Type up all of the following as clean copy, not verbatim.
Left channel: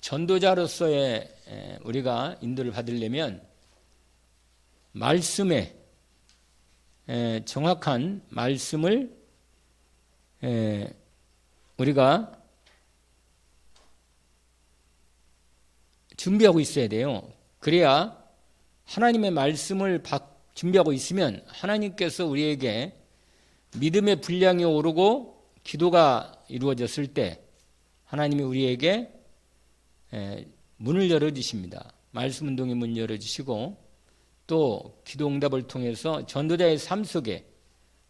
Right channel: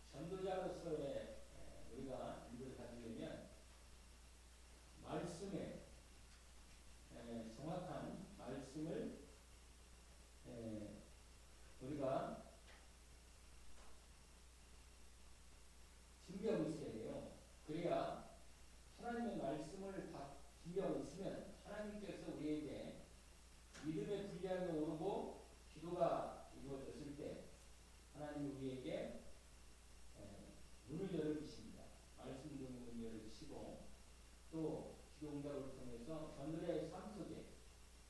전도자로서의 우리가 인도를 받으려면 말씀에 정확한 말씀을 우리가 준비하고 있어야 돼요. 그래야 하나님의 말씀을 준비하고 있으면 하나님께서 우리에게 믿음의 분량이 오르고 기도가 이루어졌을 때 하나님이 우리에게 문을 열어주십니다. 말씀 운동의 문을 열어주시고 또 기도 응답을 통해서 전도자의 삶 속에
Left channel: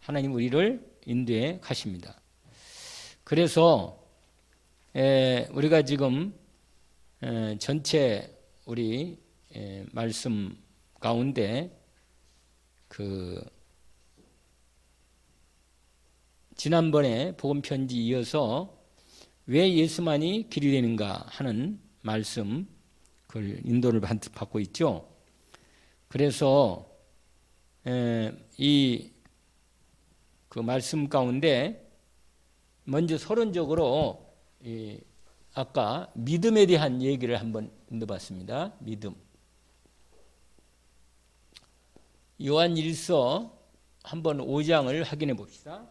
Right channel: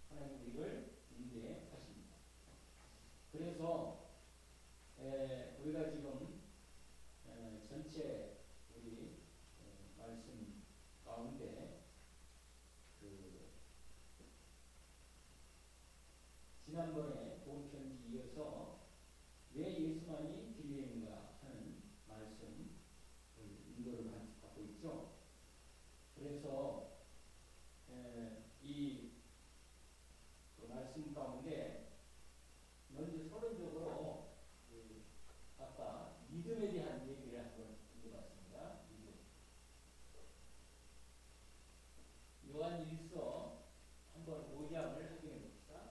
하나님 우리를 인도해 가십니다. 그래서 우리가 지금 전체 우리 말씀 가운데 지난번에 복음 편지 이어서 왜 예수만이 길이 되는가 하는 말씀 그걸 인도를 받고 있죠. 그래서 이 말씀 가운데 먼저 서론적으로 아까 믿음에 대한 얘기를 한번 인도봤습니다. 믿음. 요한 1서 한번 5장을 확인해 봅시다.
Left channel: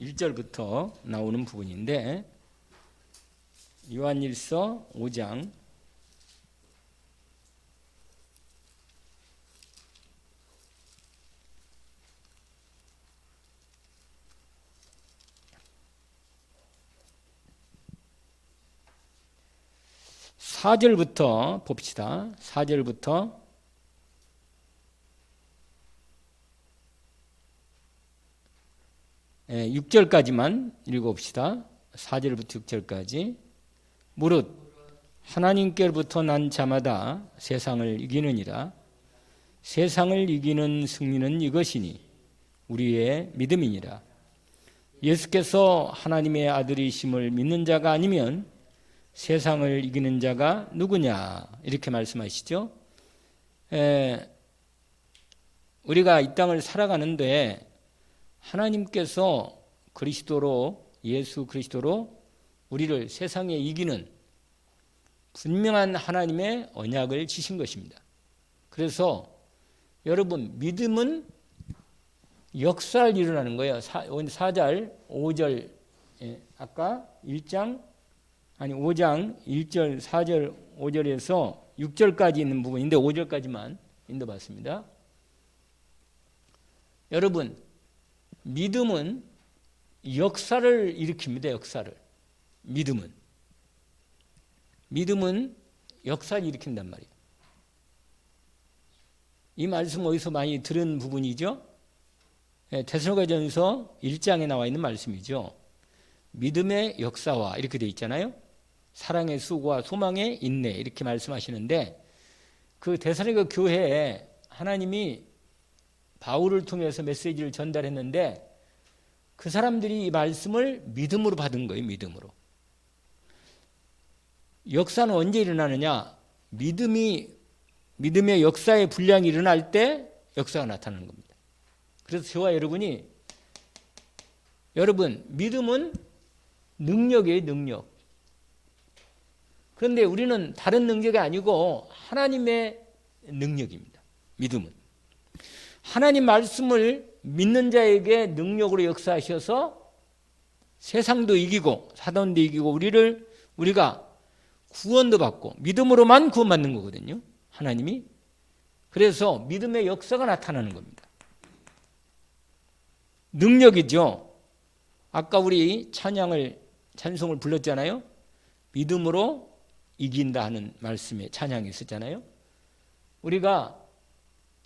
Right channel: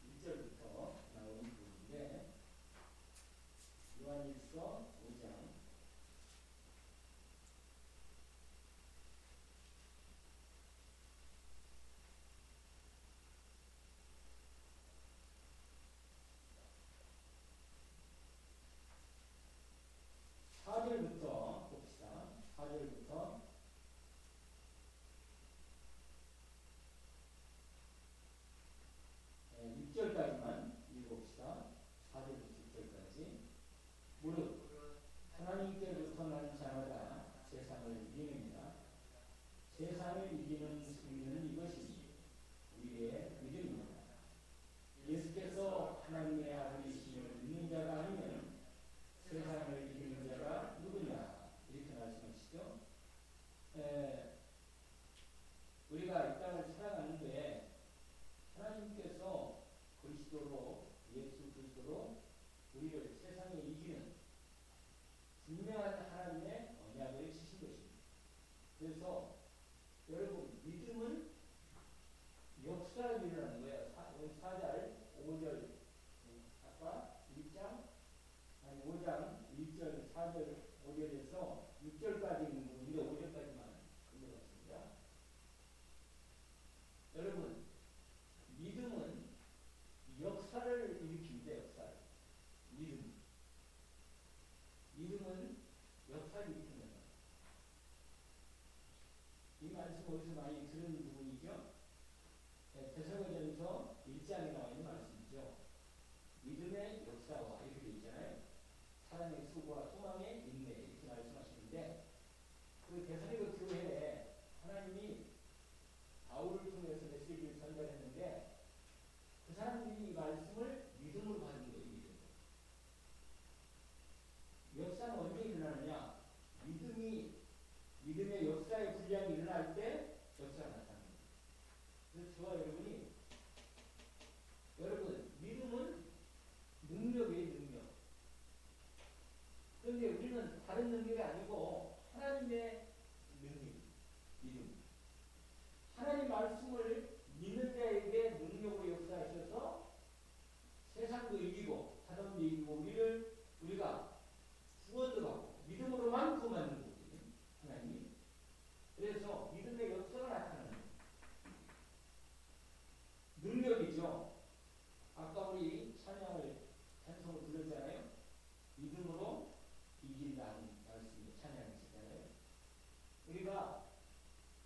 1절부터 나오는 부분인데 요한 1서 5장 4절부터 봅시다. 4절부터 6절까지만 읽어봅시다. 4절부터 6절까지. 무릇 하나님께로부터 난 자마다 세상을 이기느니라. 세상을 이기는 승리는 이것이니 우리의 믿음이니라. 예수께서 하나님의 아들이심을 믿는 자가 아니면 세상을 이기는 자가 누구냐 이렇게 말씀하시죠. 우리가 이 땅을 살아가는데 하나님께서 그리스도로 예수 그리스도로 우리를 세상에 이기는 분명한 하나님의 언약을 지신 것입니다. 그래서 여러분 믿음은 역사를 일어나는 거예요. 4절 5절 아까 5장 1절 4절 5절에서 6절까지 있는 부분인데 5절까지만 읽어봤습니다. 여러분 믿음은 역사를 일으킵니다. 역사를. 믿음은 역사를 일으킨단 말이에요. 이 말씀 어디서 많이 들은 부분이죠? 데살로니가전서 1장에 나와 있는 말씀이죠. 믿음의 역사와 이렇게 되어 있잖아요. 사랑의 수고와 소망의 인내 이렇게 말씀하시는데 그 데살로니가 교회에 하나님이 바울을 통해서 메시지를 전달했는데 그 사람들이 이 말씀을 믿음으로 받은 거예요. 믿음으로. 역사는 언제 일어나느냐? 믿음의 역사의 분량이 일어날 때 역사가 나타나는 겁니다. 그래서 저와 여러분 믿음은 능력이에요. 능력. 그런데 우리는 다른 능력이 아니고 하나님의 능력입니다. 믿음은. 하나님 말씀을 믿는 자에게 능력으로 역사하셔서 세상도 이기고 사단도 이기고 우리가 구원도 받고 믿음으로만 구원받는 거거든요. 하나님이. 그래서 믿음의 역사가 나타나는 겁니다. 능력이죠. 아까 우리 찬송을 불렀잖아요. 믿음으로 이긴다 하는 말씀에 찬양이 있었잖아요. 우리가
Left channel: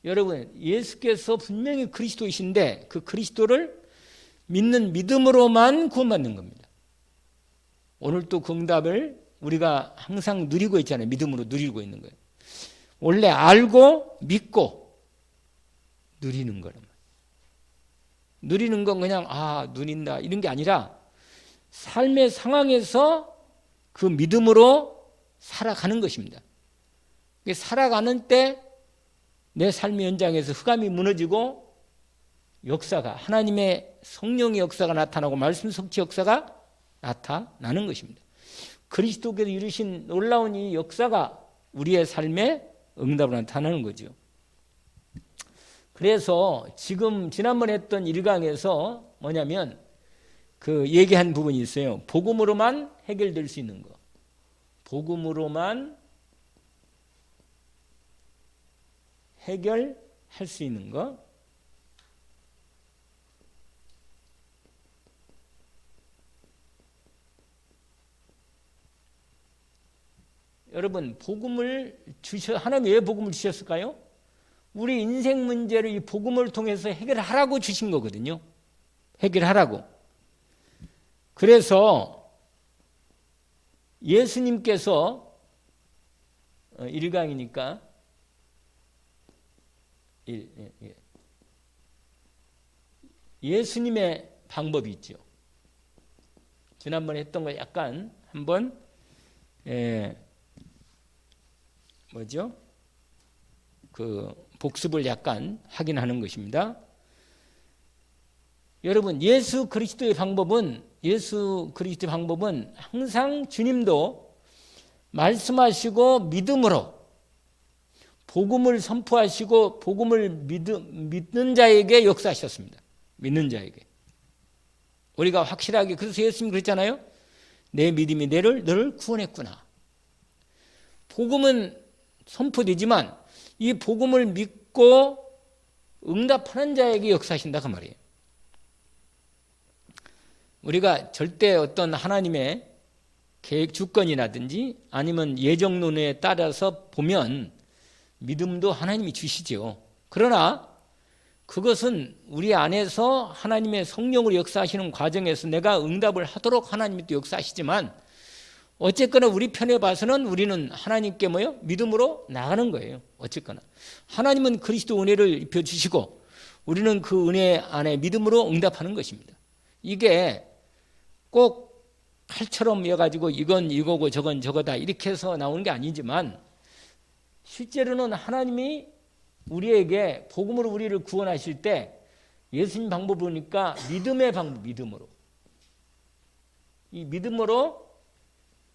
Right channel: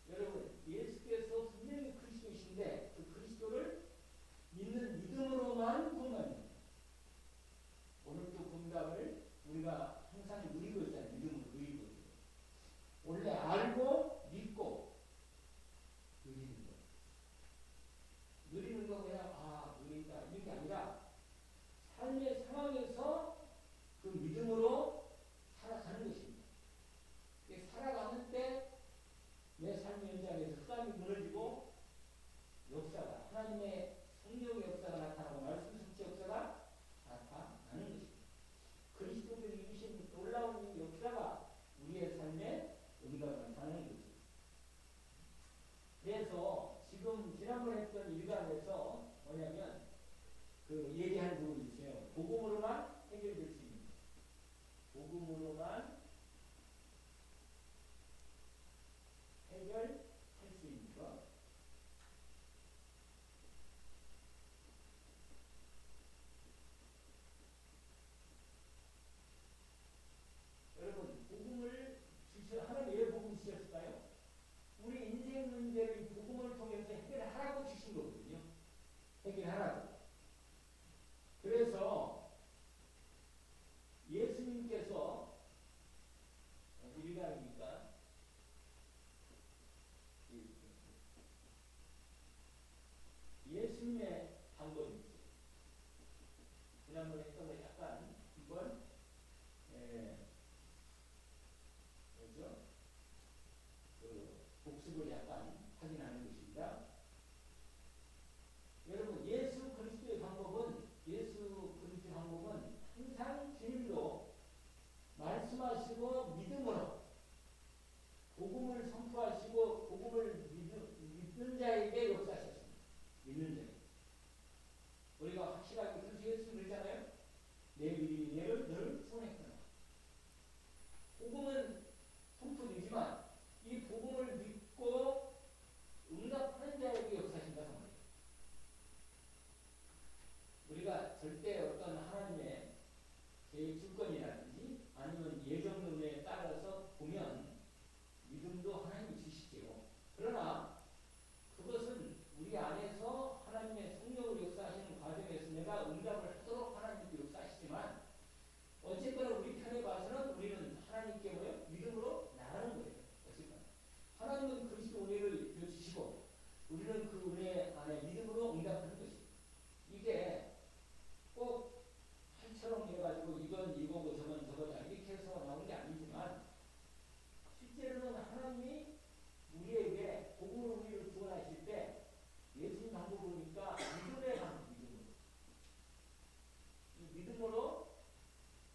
여러분 예수께서 분명히 그리스도이신데 그 그리스도를 믿는 믿음으로만 구원받는 겁니다. 오늘 또 그 응답을 우리가 항상 누리고 있잖아요. 믿음으로 누리고 있는 거예요. 원래 알고 믿고 누리는 거란 말이에요. 누리는 건 그냥 누린다 이런 게 아니라 삶의 상황에서 그 믿음으로 살아가는 것입니다. 살아가는 때 내 삶의 현장에서 흑암이 무너지고 역사가 하나님의 성령의 역사가 나타나고 말씀 성취 역사가 나타나는 것입니다. 그리스도께서 이루신 놀라운 이 역사가 우리의 삶에 응답으로 나타나는 거죠. 그래서 지금 지난번에 했던 1강에서 뭐냐면 그 얘기한 부분이 있어요. 복음으로만 해결될 수 있는 거. 복음으로만 해결할 수 있는 거. 여러분, 하나님 왜 복음을 주셨을까요? 우리 인생 문제를 이 복음을 통해서 해결하라고 주신 거거든요. 해결하라고. 그래서 예수님께서 1강이니까 예수님의 방법이 있죠. 지난번에 했던 거 약간 한번 그 복습을 약간 확인하는 것입니다. 여러분, 예수 그리스도의 방법은 항상 주님도 말씀하시고 믿음으로 복음을 선포하시고 복음을 믿는 자에게 역사하셨습니다. 믿는 자에게. 우리가 확실하게, 그래서 예수님이 그랬잖아요. 내 믿음이 너를 구원했구나. 복음은 선포되지만 이 복음을 믿고 응답하는 자에게 역사하신다 그 말이에요. 우리가 절대 어떤 하나님의 계획 주권이라든지 아니면 예정론에 따라서 보면 믿음도 하나님이 주시죠. 그러나 그것은 우리 안에서 하나님의 성령으로 역사하시는 과정에서 내가 응답을 하도록 하나님이 또 역사하시지만 어쨌거나 우리 편에 봐서는 우리는 하나님께 믿음으로 나가는 거예요. 어쨌거나 하나님은 그리스도 은혜를 입혀주시고 우리는 그 은혜 안에 믿음으로 응답하는 것입니다. 이게 꼭 칼처럼 이어가지고 이건 이거고 저건 저거다 이렇게 해서 나오는 게 아니지만 실제로는 하나님이 우리에게 복음으로 우리를 구원하실 때 예수님 방법을 보니까 믿음의 방법, 믿음으로. 이 믿음으로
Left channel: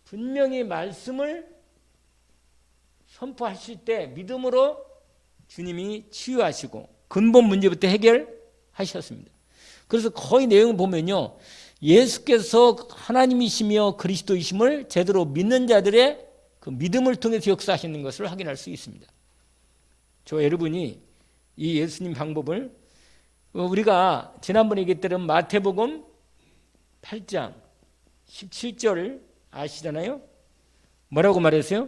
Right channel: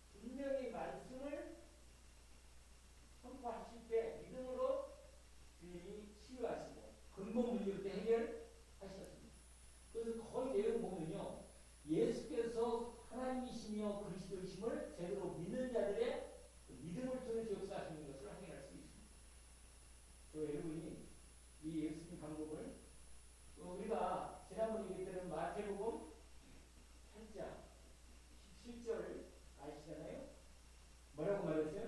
분명히 말씀을 선포하실 때 믿음으로 주님이 치유하시고 근본 문제부터 해결하셨습니다. 그래서 거의 내용을 보면요. 예수께서 하나님이시며 그리스도이심을 제대로 믿는 자들의 그 믿음을 통해서 역사하시는 것을 확인할 수 있습니다. 저 여러분이 이 예수님 방법을 우리가 지난번에 얘기했던 마태복음 8장 17절 아시잖아요? 뭐라고 말했어요?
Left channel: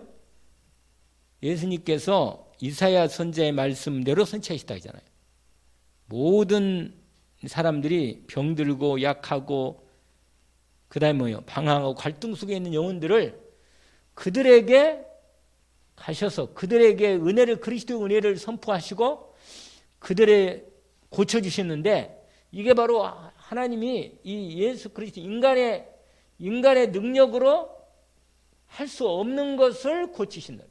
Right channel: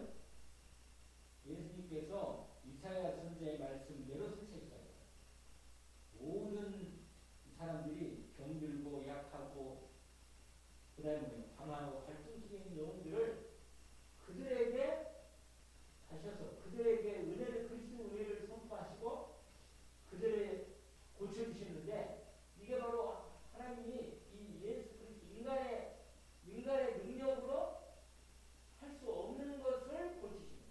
예수님께서 이사야 선지자의 말씀대로 선지하시다 하잖아요. 모든 사람들이 병들고 약하고 그다음에 방황하고 갈등 속에 있는 영혼들을 그들에게 가셔서 그들에게 은혜를 그리스도의 은혜를 선포하시고 그들의 고쳐주셨는데 이게 바로 하나님이 이 예수 그리스도 인간의 능력으로 할 수 없는 것을 고치신다.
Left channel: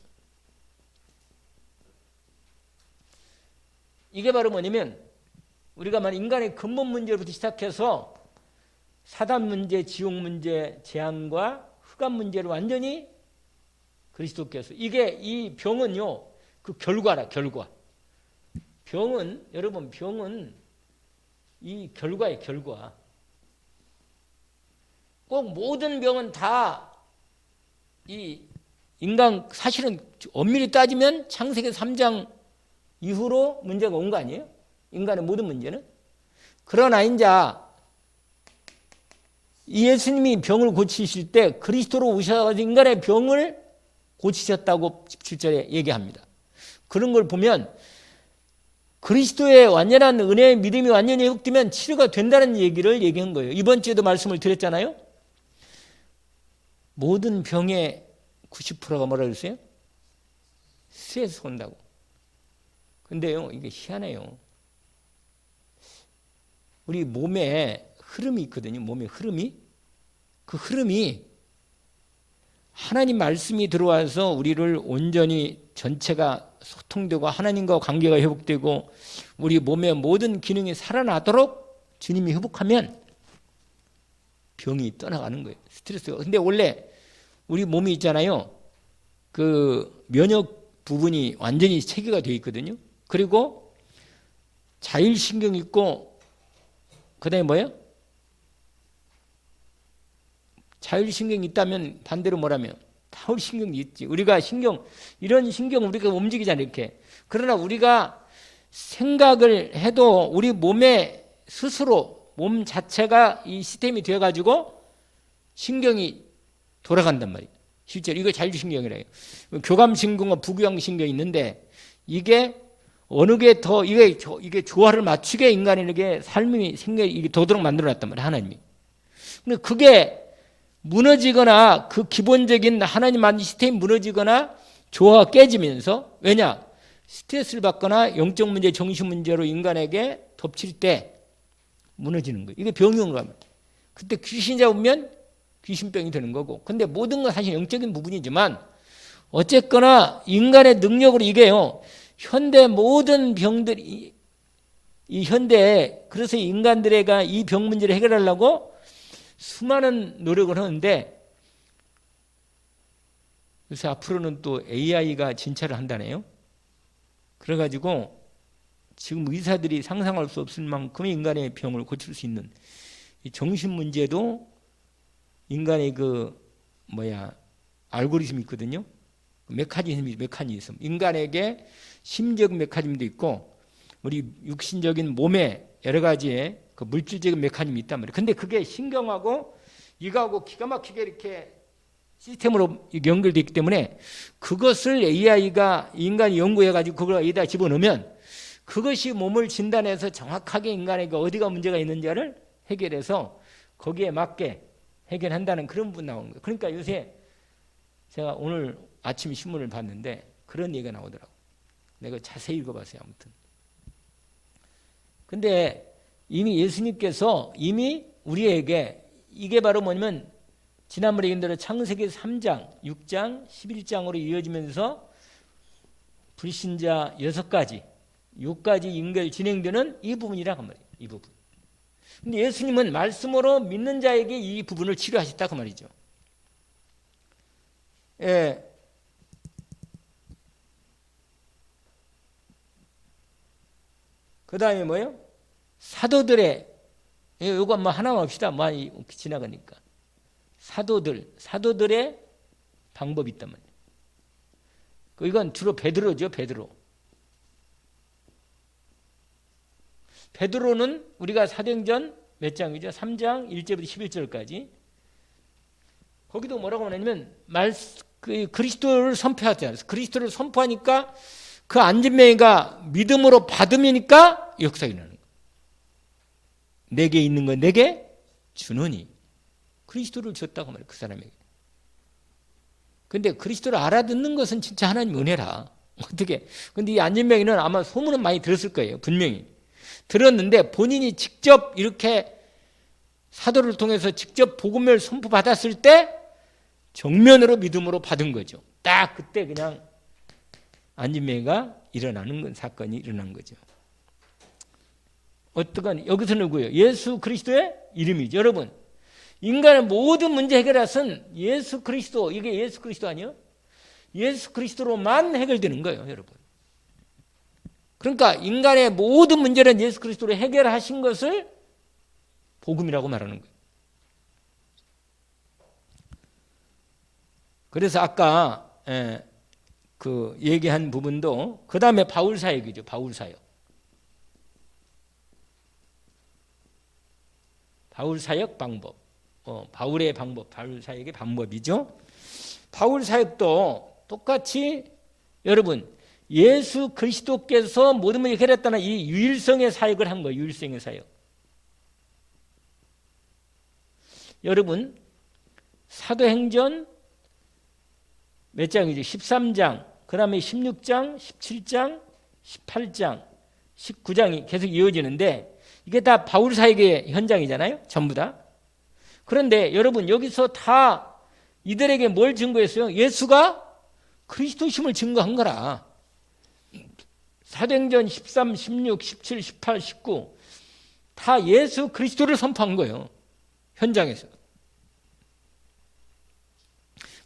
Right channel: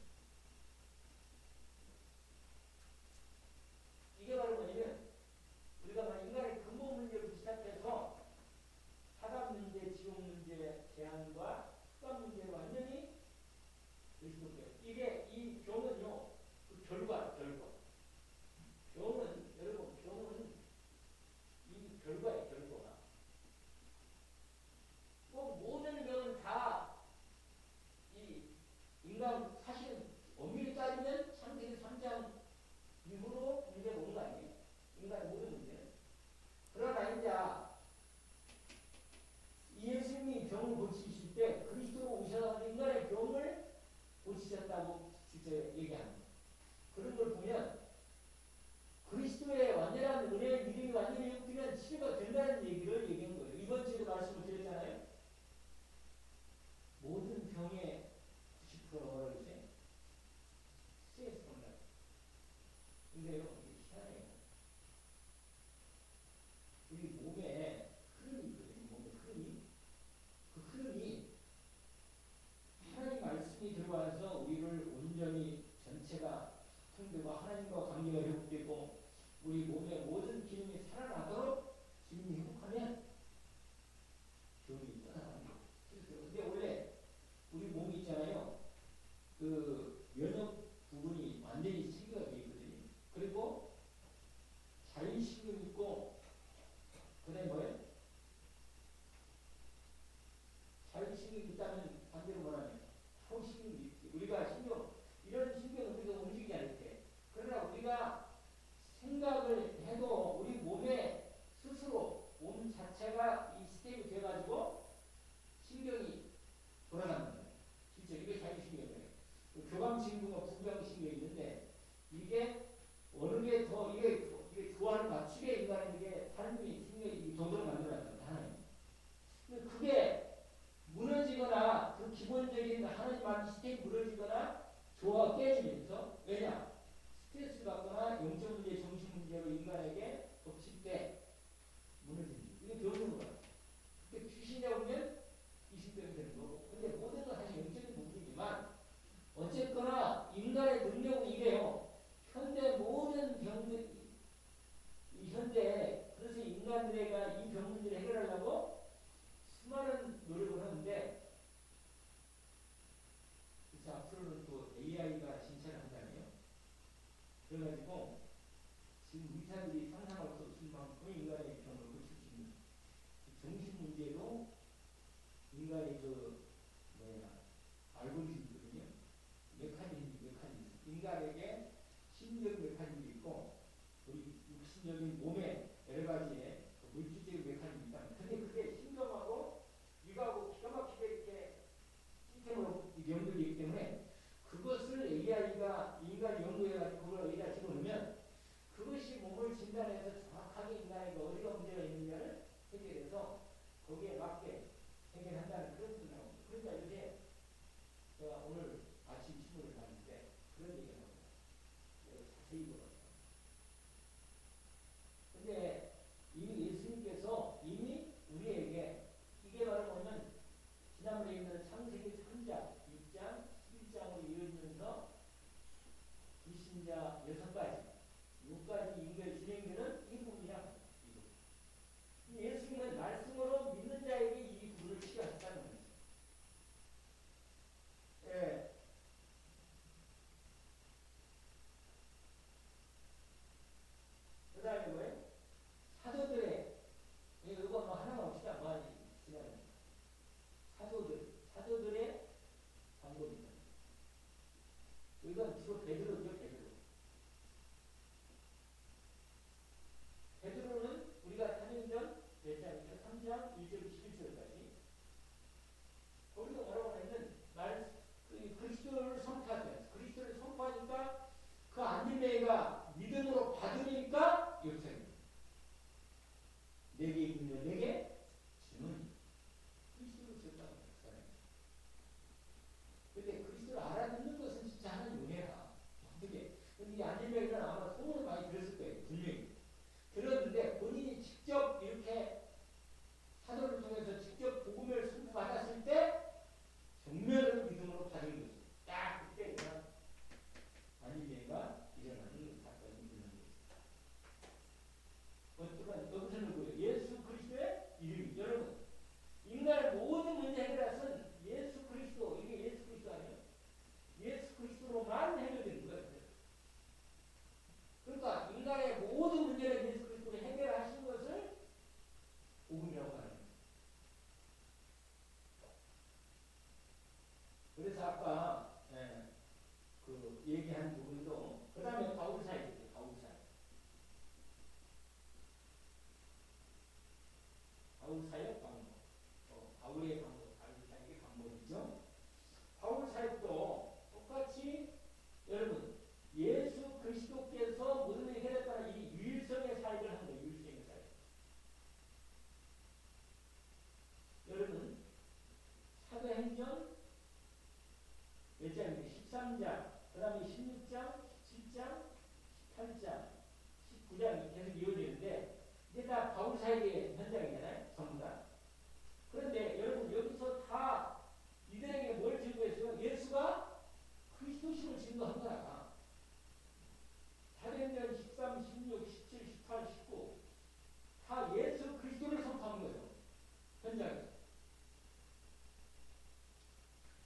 이게 바로 뭐냐면 우리가 만약 인간의 근본 문제부터 시작해서 사단 문제, 지옥 문제, 재앙과 흑암 문제를 완전히 그리스도께서 이 병은요 그 결과라 결과. 병은 이 결과의 결과. 꼭 모든 병은 다 이 인간 사실은 엄밀히 따지면 창세기 3장 이후로 문제가 온 거 아니에요? 인간의 모든 문제는. 그러나 이제 이 예수님이 병을 고치실 때 그리스도로 오셔서 인간의 병을 고치셨다고 17절에 얘기합니다. 그런 걸 보면 그리스도의 완전한 은혜의 믿음이 완전히 회복되면 치료가 된다는 얘기를 얘기한 거예요. 이번 주에도 말씀을 드렸잖아요. 모든 병의 90%가 뭐라 그랬어요? 스트레스 온다고. 근데요, 이게 희한해요. 우리 몸에 흐름이 있거든요. 몸의 흐름이. 그 흐름이 하나님 말씀이 들어와서 우리를 온전히 전체가 소통되고 하나님과 관계가 회복되고 우리 몸의 모든 기능이 살아나도록 주님이 회복하면 병이 떠나가는 거예요. 스트레스가. 근데 원래 우리 몸이 있잖아요. 그 면역 부분이 완전히 체계가 되어 있거든요. 그리고 자율신경이 있고 그다음에 뭐예요? 자율신경이 있다면 반대로 뭐라면 타율신경이 있지. 우리가 이런 신경 우리가 움직이잖아요. 이렇게. 그러나 우리가 생각을 해도 우리 몸에 스스로 몸 자체가 이 시스템이 되어가지고 신경이 돌아간단 말이에요. 실제로 이거 자율신경이래요. 교감신경과 부교감신경이 있는데 이게 어느 게 더 이게 조화를 맞추게 인간에게 삶이 생각이 도도록 만들어놨단 말이에요. 하나님이. 근데 그게 무너지거나 그 기본적인 하나님 만든 시스템이 무너지거나 조화가 깨지면서 왜냐? 스트레스를 받거나 영적 문제, 정신 문제로 인간에게 덮칠 때 무너지는 거예요. 이게 병이 온 겁니다. 그때 귀신 잡으면 귀신병이 되는 거고. 근데 모든 건 사실 영적인 부분이지만 어쨌거나 인간의 능력으로 이게요. 현대 모든 병들이 이 현대에 그래서 인간들에게 이 병 문제를 해결하려고 수많은 노력을 하는데 그래서 앞으로는 또 AI가 진찰을 한다네요. 그래가지고 지금 의사들이 상상할 수 없을 만큼의 인간의 병을 고칠 수 있는 이 정신 문제도 인간의 알고리즘이 있거든요. 메커니즘. 인간에게 심적 메커니즘도 있고 우리 육신적인 몸에 여러 가지의 그 물질적인 메커니즘이 있단 말이에요. 근데 그게 신경하고 이거하고 기가 막히게 이렇게 시스템으로 연결되어 있기 때문에 그것을 AI가 인간이 연구해가지고 그걸 여기다 집어넣으면 그것이 몸을 진단해서 정확하게 인간에게 어디가 문제가 있는지를 해결해서 거기에 맞게 해결한다는 그런 부분 나오는 거예요. 그러니까 요새 제가 오늘 아침 신문을 봤는데 그런 얘기가 나오더라고요. 내가 자세히 읽어봤어요. 아무튼. 근데 이미 예수님께서 이미 우리에게 이게 바로 뭐냐면 지난번에 얘기한 대로 창세기 3장, 6장, 11장으로 이어지면서 불신자 6가지 연결 진행되는 이 부분이라고 말이에요. 이 부분. 근데 예수님은 말씀으로 믿는 자에게 이 부분을 치료하셨다 그 말이죠. 예. 그 다음에 뭐예요? 사도들의 이거 뭐 하나만 합시다. 많이 지나가니까. 사도들의 방법이 있단 말이에요. 이건 주로 베드로죠. 베드로는 우리가 사도행전 몇 장이죠? 3장 1절부터 11절까지 거기도 뭐라고 하냐면 그리스도를 선포하잖아요. 그리스도를 선포하니까 그 안진뱅이가 믿음으로 받으니까 역사가 일어나는 거예요. 내게 있는 건 내게 주느니 그리스도를 줬다고 말해요. 그 사람에게. 근데 그리스도를 알아듣는 것은 진짜 하나님 은혜라. 어떻게? 근데 이 안진뱅이는 아마 소문은 많이 들었을 거예요. 분명히. 들었는데 본인이 직접 이렇게 사도를 통해서 직접 복음을 선포받았을 때 정면으로 믿음으로 받은 거죠. 딱 그때 그냥 안진뱅이가 사건이 일어난 거죠. 어떠건 여기서 누구예요? 예수 그리스도의 이름이죠. 여러분 인간의 모든 문제 해결하신 예수 그리스도 이게 예수 그리스도 아니에요? 예수 그리스도로만 해결되는 거예요. 여러분. 그러니까 인간의 모든 문제는 예수 그리스도로 해결하신 것을 복음이라고 말하는 거예요. 그래서 아까 그 얘기한 부분도 그 다음에 바울 사역이죠. 바울 사역. 바울 사역 방법. 바울의 방법, 바울 사역의 방법이죠. 바울 사역도 똑같이 여러분 예수 그리스도께서 모든 문제 해결했다는 이 유일성의 사역을 한 거예요. 유일성의 사역. 여러분 사도행전 몇 장이죠? 13장, 그 다음에 16장, 17장, 18장, 19장이 계속 이어지는데 이게 다 바울 사역의 현장이잖아요. 전부 다. 그런데 여러분 여기서 다 이들에게 뭘 증거했어요? 예수가 그리스도심을 증거한 거라. 사도행전 13, 16, 17, 18, 19 다 예수 그리스도를 선포한 거예요. 현장에서.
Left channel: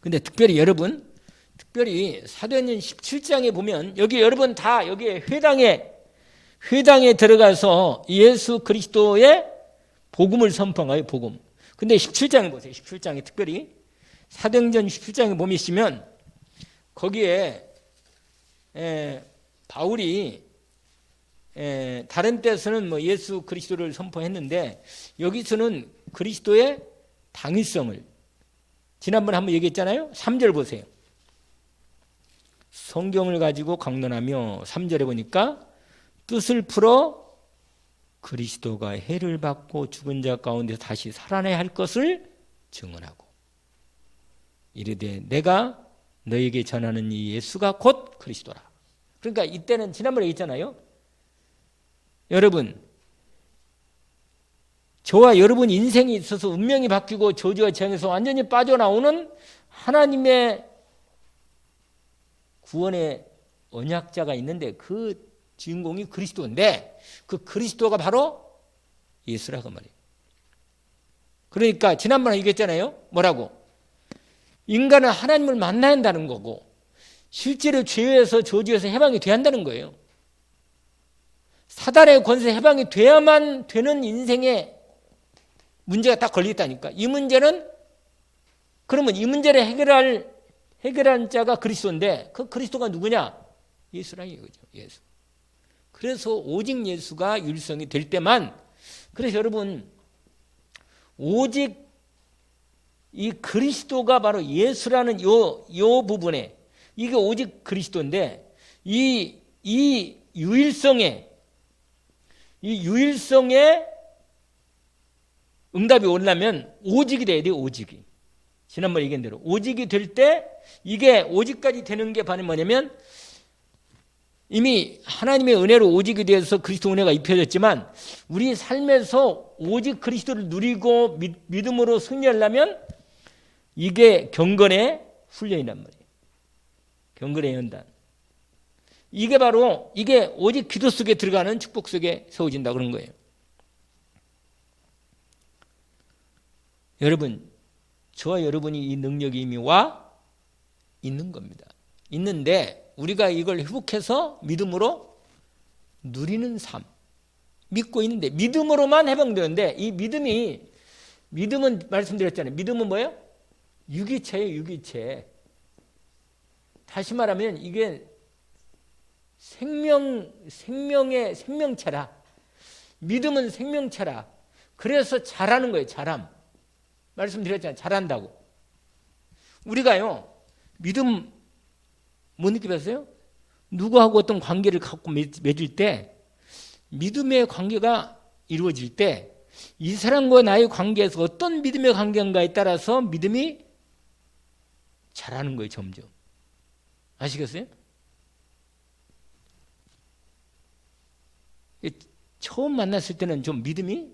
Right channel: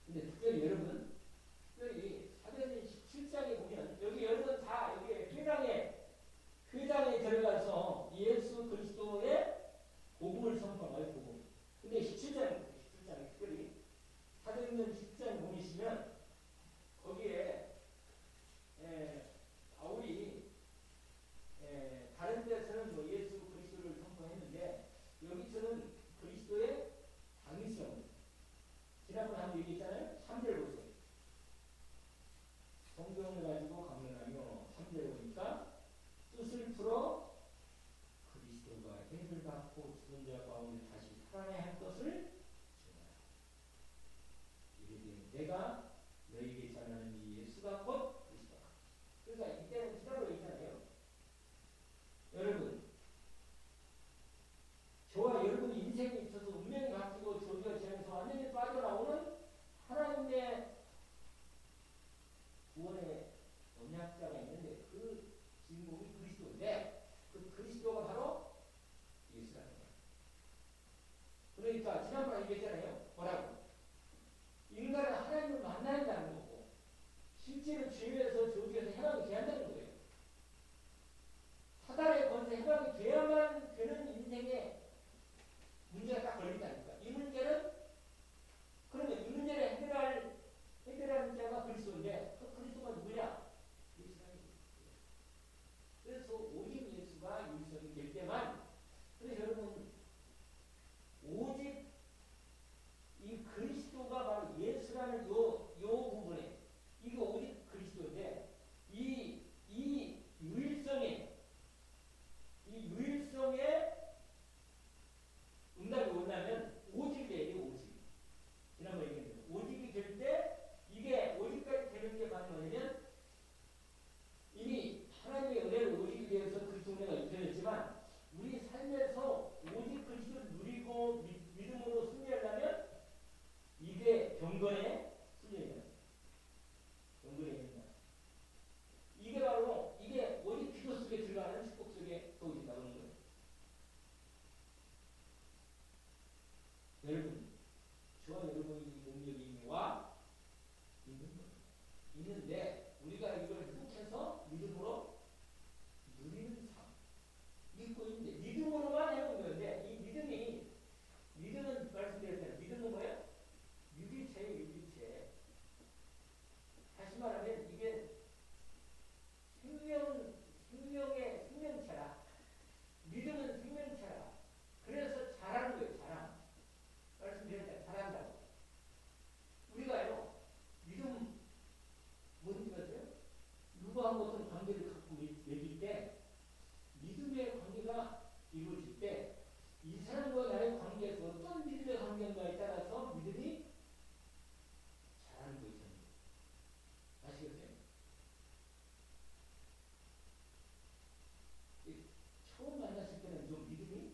근데 특별히 여러분, 특별히 사도행전 17장에 보면 여기 여러분 다 여기에 회당에 들어가서 예수 그리스도의 복음을 선포한 거예요. 복음. 근데 17장에 보세요. 17장에 특별히 사도행전 17장에 보시면 거기에 바울이 다른 때서는 뭐 예수 그리스도를 선포했는데 여기서는 그리스도의 당위성을 지난번에 한번 얘기했잖아요. 3절 보세요. 성경을 가지고 강론하며 3절에 보니까 뜻을 풀어 그리스도가 해를 받고 죽은 자 가운데서 다시 살아나야 할 것을 증언하고 이르되 내가 너에게 전하는 이 예수가 곧 그리스도라. 그러니까 이때는 지난번에 얘기했잖아요. 여러분, 저와 여러분 인생이 있어서 운명이 바뀌고 저주와 재앙에서 완전히 빠져나오는 하나님의 구원의 언약자가 있는데 그 주인공이 그리스도인데 그 그리스도가 바로 예수라고 말이에요. 그러니까 지난번에 얘기했잖아요. 뭐라고? 인간은 하나님을 만나야 한다는 거고 실제로 죄에서 저주에서 해방이 돼야 한다는 거예요. 사단의 권세 해방이 돼야만 되는 인생에 문제가 딱 걸리겠다니까. 이 문제는 그러면 이 문제를 해결할 자가 그리스도인데 그 그리스도가 누구냐? 예수라 이거죠. 예수. 그래서 오직 예수가 율성이 될 때만 그래서 여러분 오직 이 그리스도가 바로 예수라는 요 부분에 이게 오직 그리스도인데 이 유일성에 응답이 오려면 오직이 돼야 돼요. 오직이. 지난번에 얘기한 대로 오직이 될 때 이게 오직까지 되는 게 바로 뭐냐면 이미 하나님의 은혜로 오직이 되어서 그리스도 은혜가 입혀졌지만 우리 삶에서 오직 그리스도를 누리고 믿음으로 승리하려면 이게 경건의 훈련이란 말이에요. 경건의 연단. 이게 바로 이게 오직 기도 속에 들어가는 축복 속에 세워진다 그런 거예요. 여러분, 저와 여러분이 이 능력이 이미 와 있는 겁니다. 있는데 우리가 이걸 회복해서 믿음으로 누리는 삶. 믿고 있는데 믿음으로만 해방되는데 이 믿음은 말씀드렸잖아요. 믿음은 뭐예요? 유기체예요. 유기체. 다시 말하면 이게 생명의 생명체라. 믿음은 생명체라. 그래서 잘하는 거예요. 잘함. 말씀드렸잖아요. 잘한다고. 우리가요. 믿음 못 느껴봤어요? 누구하고 어떤 관계를 갖고 맺을 때 믿음의 관계가 이루어질 때 이 사람과 나의 관계에서 어떤 믿음의 관계인가에 따라서 믿음이 잘하는 거예요. 점점. 아시겠어요? 처음 만났을 때는 좀 믿음이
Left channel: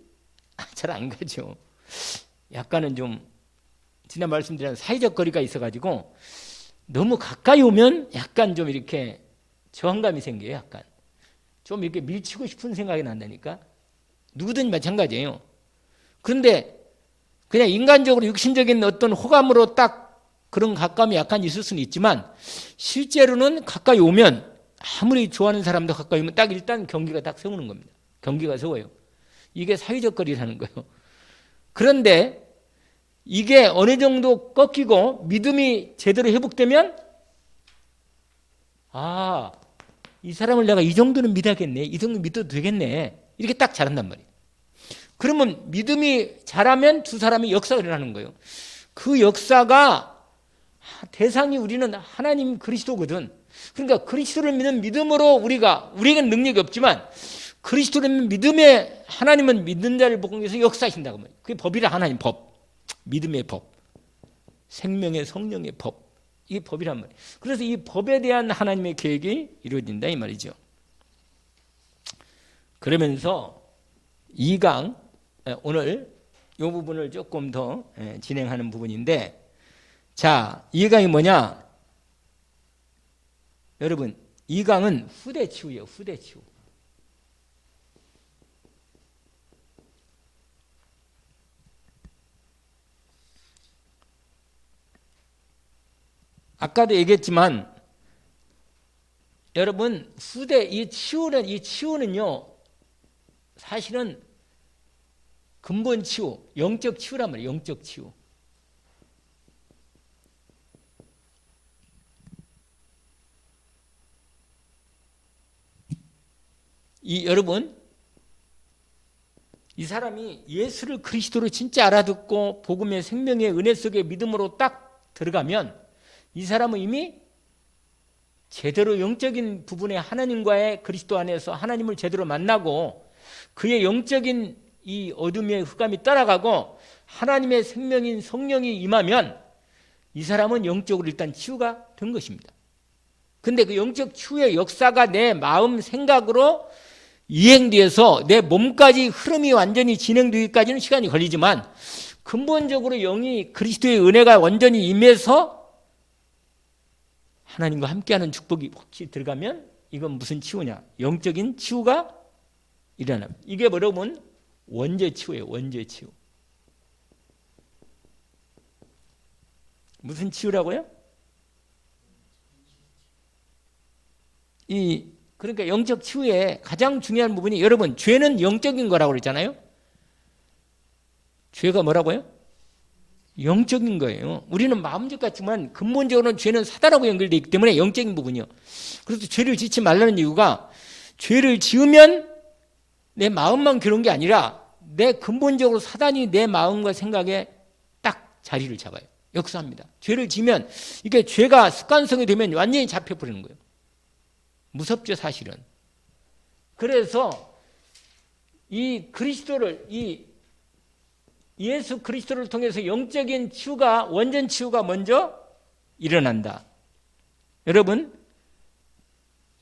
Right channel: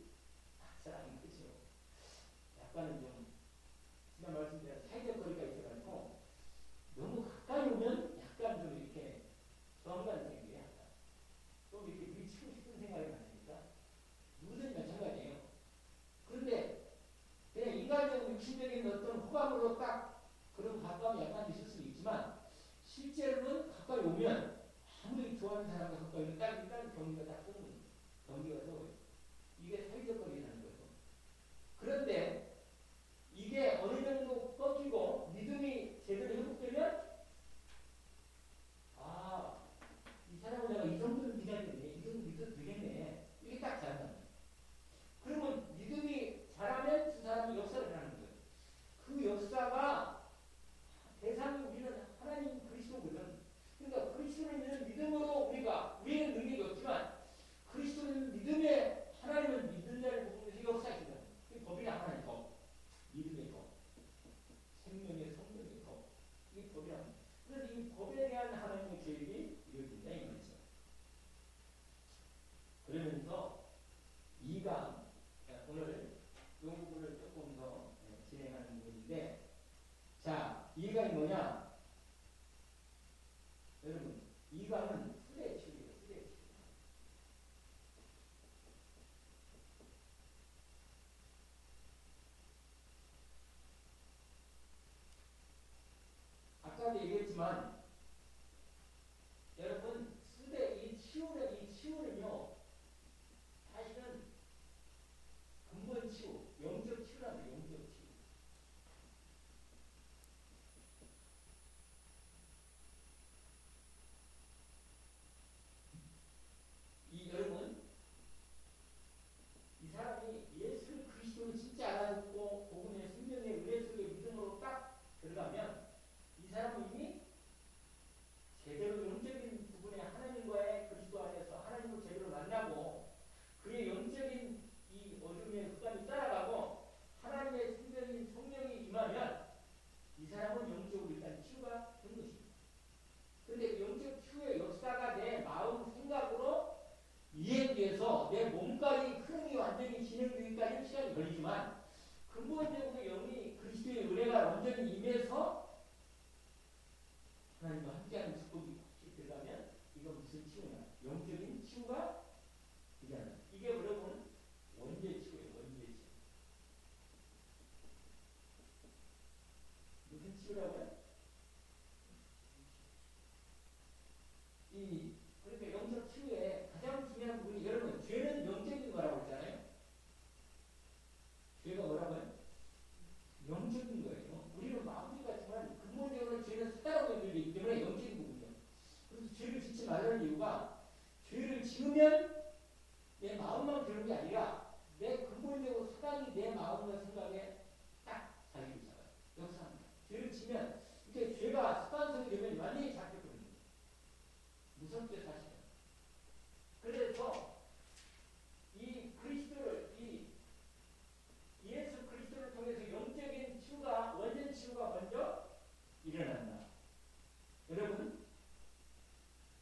잘 안 가죠. 약간은 좀 지난 말씀드린 사회적 거리가 있어가지고 너무 가까이 오면 약간 좀 이렇게 저항감이 생겨요. 약간 좀 이렇게 밀치고 싶은 생각이 난다니까. 누구든 마찬가지예요. 그런데 그냥 인간적으로 육신적인 어떤 호감으로 딱 그런 가까움이 약간 있을 수는 있지만 실제로는 가까이 오면 아무리 좋아하는 사람도 가까이 오면 딱 일단 경계가 딱 세우는 겁니다. 경계가 세워요. 이게 사회적 거리라는 거예요. 그런데 이게 어느 정도 꺾이고 믿음이 제대로 회복되면 이 사람을 내가 이 정도는 믿어야겠네. 이 정도 믿어도 되겠네. 이렇게 딱 잘한단 말이에요. 그러면 믿음이 잘하면 두 사람이 역사가 일어나는 거예요. 그 역사가 대상이 우리는 하나님 그리스도거든. 그러니까 그리스도를 믿는 믿음으로 우리에게는 능력이 없지만 그리스도를 믿는 믿음에 하나님은 믿는 자를 보기 위해서 역사하신다고 말이에요. 그게 법이라 하나님 법. 믿음의 법. 생명의 성령의 법. 이게 법이란 말이에요. 그래서 이 법에 대한 하나님의 계획이 이루어진다 이 말이죠. 그러면서 2강 오늘 이 부분을 조금 더 진행하는 부분인데 자 2강이 뭐냐? 여러분 2강은 후대치유예요. 후대치유. 아까도 얘기했지만 여러분 후대 이 치유는요 사실은 근본 치유, 영적 치유란 말이에요. 영적 치유. 여러분 이 사람이 예수를 그리스도로 진짜 알아듣고 복음의 생명의 은혜 속에 믿음으로 딱 들어가면 이 사람은 이미 제대로 영적인 부분에 하나님과의 그리스도 안에서 하나님을 제대로 만나고 그의 영적인 이 어둠의 흑암이 떠나가고 하나님의 생명인 성령이 임하면 이 사람은 영적으로 일단 치유가 된 것입니다. 근데 그 영적 치유의 역사가 내 마음 생각으로 이행돼서 내 몸까지 흐름이 완전히 진행되기까지는 시간이 걸리지만 근본적으로 영이 그리스도의 은혜가 완전히 임해서 하나님과 함께하는 축복이 혹시 들어가면 이건 무슨 치유냐? 영적인 치유가 일어납니다. 이게 여러분 원죄 치유예요. 원죄 치유. 무슨 치유라고요? 그러니까 영적 치유의 가장 중요한 부분이 여러분 죄는 영적인 거라고 그랬잖아요. 죄가 뭐라고요? 영적인 거예요. 우리는 마음적 같지만 근본적으로는 죄는 사단하고 연결되어 있기 때문에 영적인 부분이요. 그래서 죄를 짓지 말라는 이유가 죄를 지으면 내 마음만 괴로운 게 아니라 내 근본적으로 사단이 내 마음과 생각에 딱 자리를 잡아요. 역사합니다. 죄를 지면 이게 죄가 습관성이 되면 완전히 잡혀버리는 거예요. 무섭죠 사실은. 그래서 이 그리스도를 예수 그리스도를 통해서 영적인 치유가 원전 치유가 먼저 일어난다. 여러분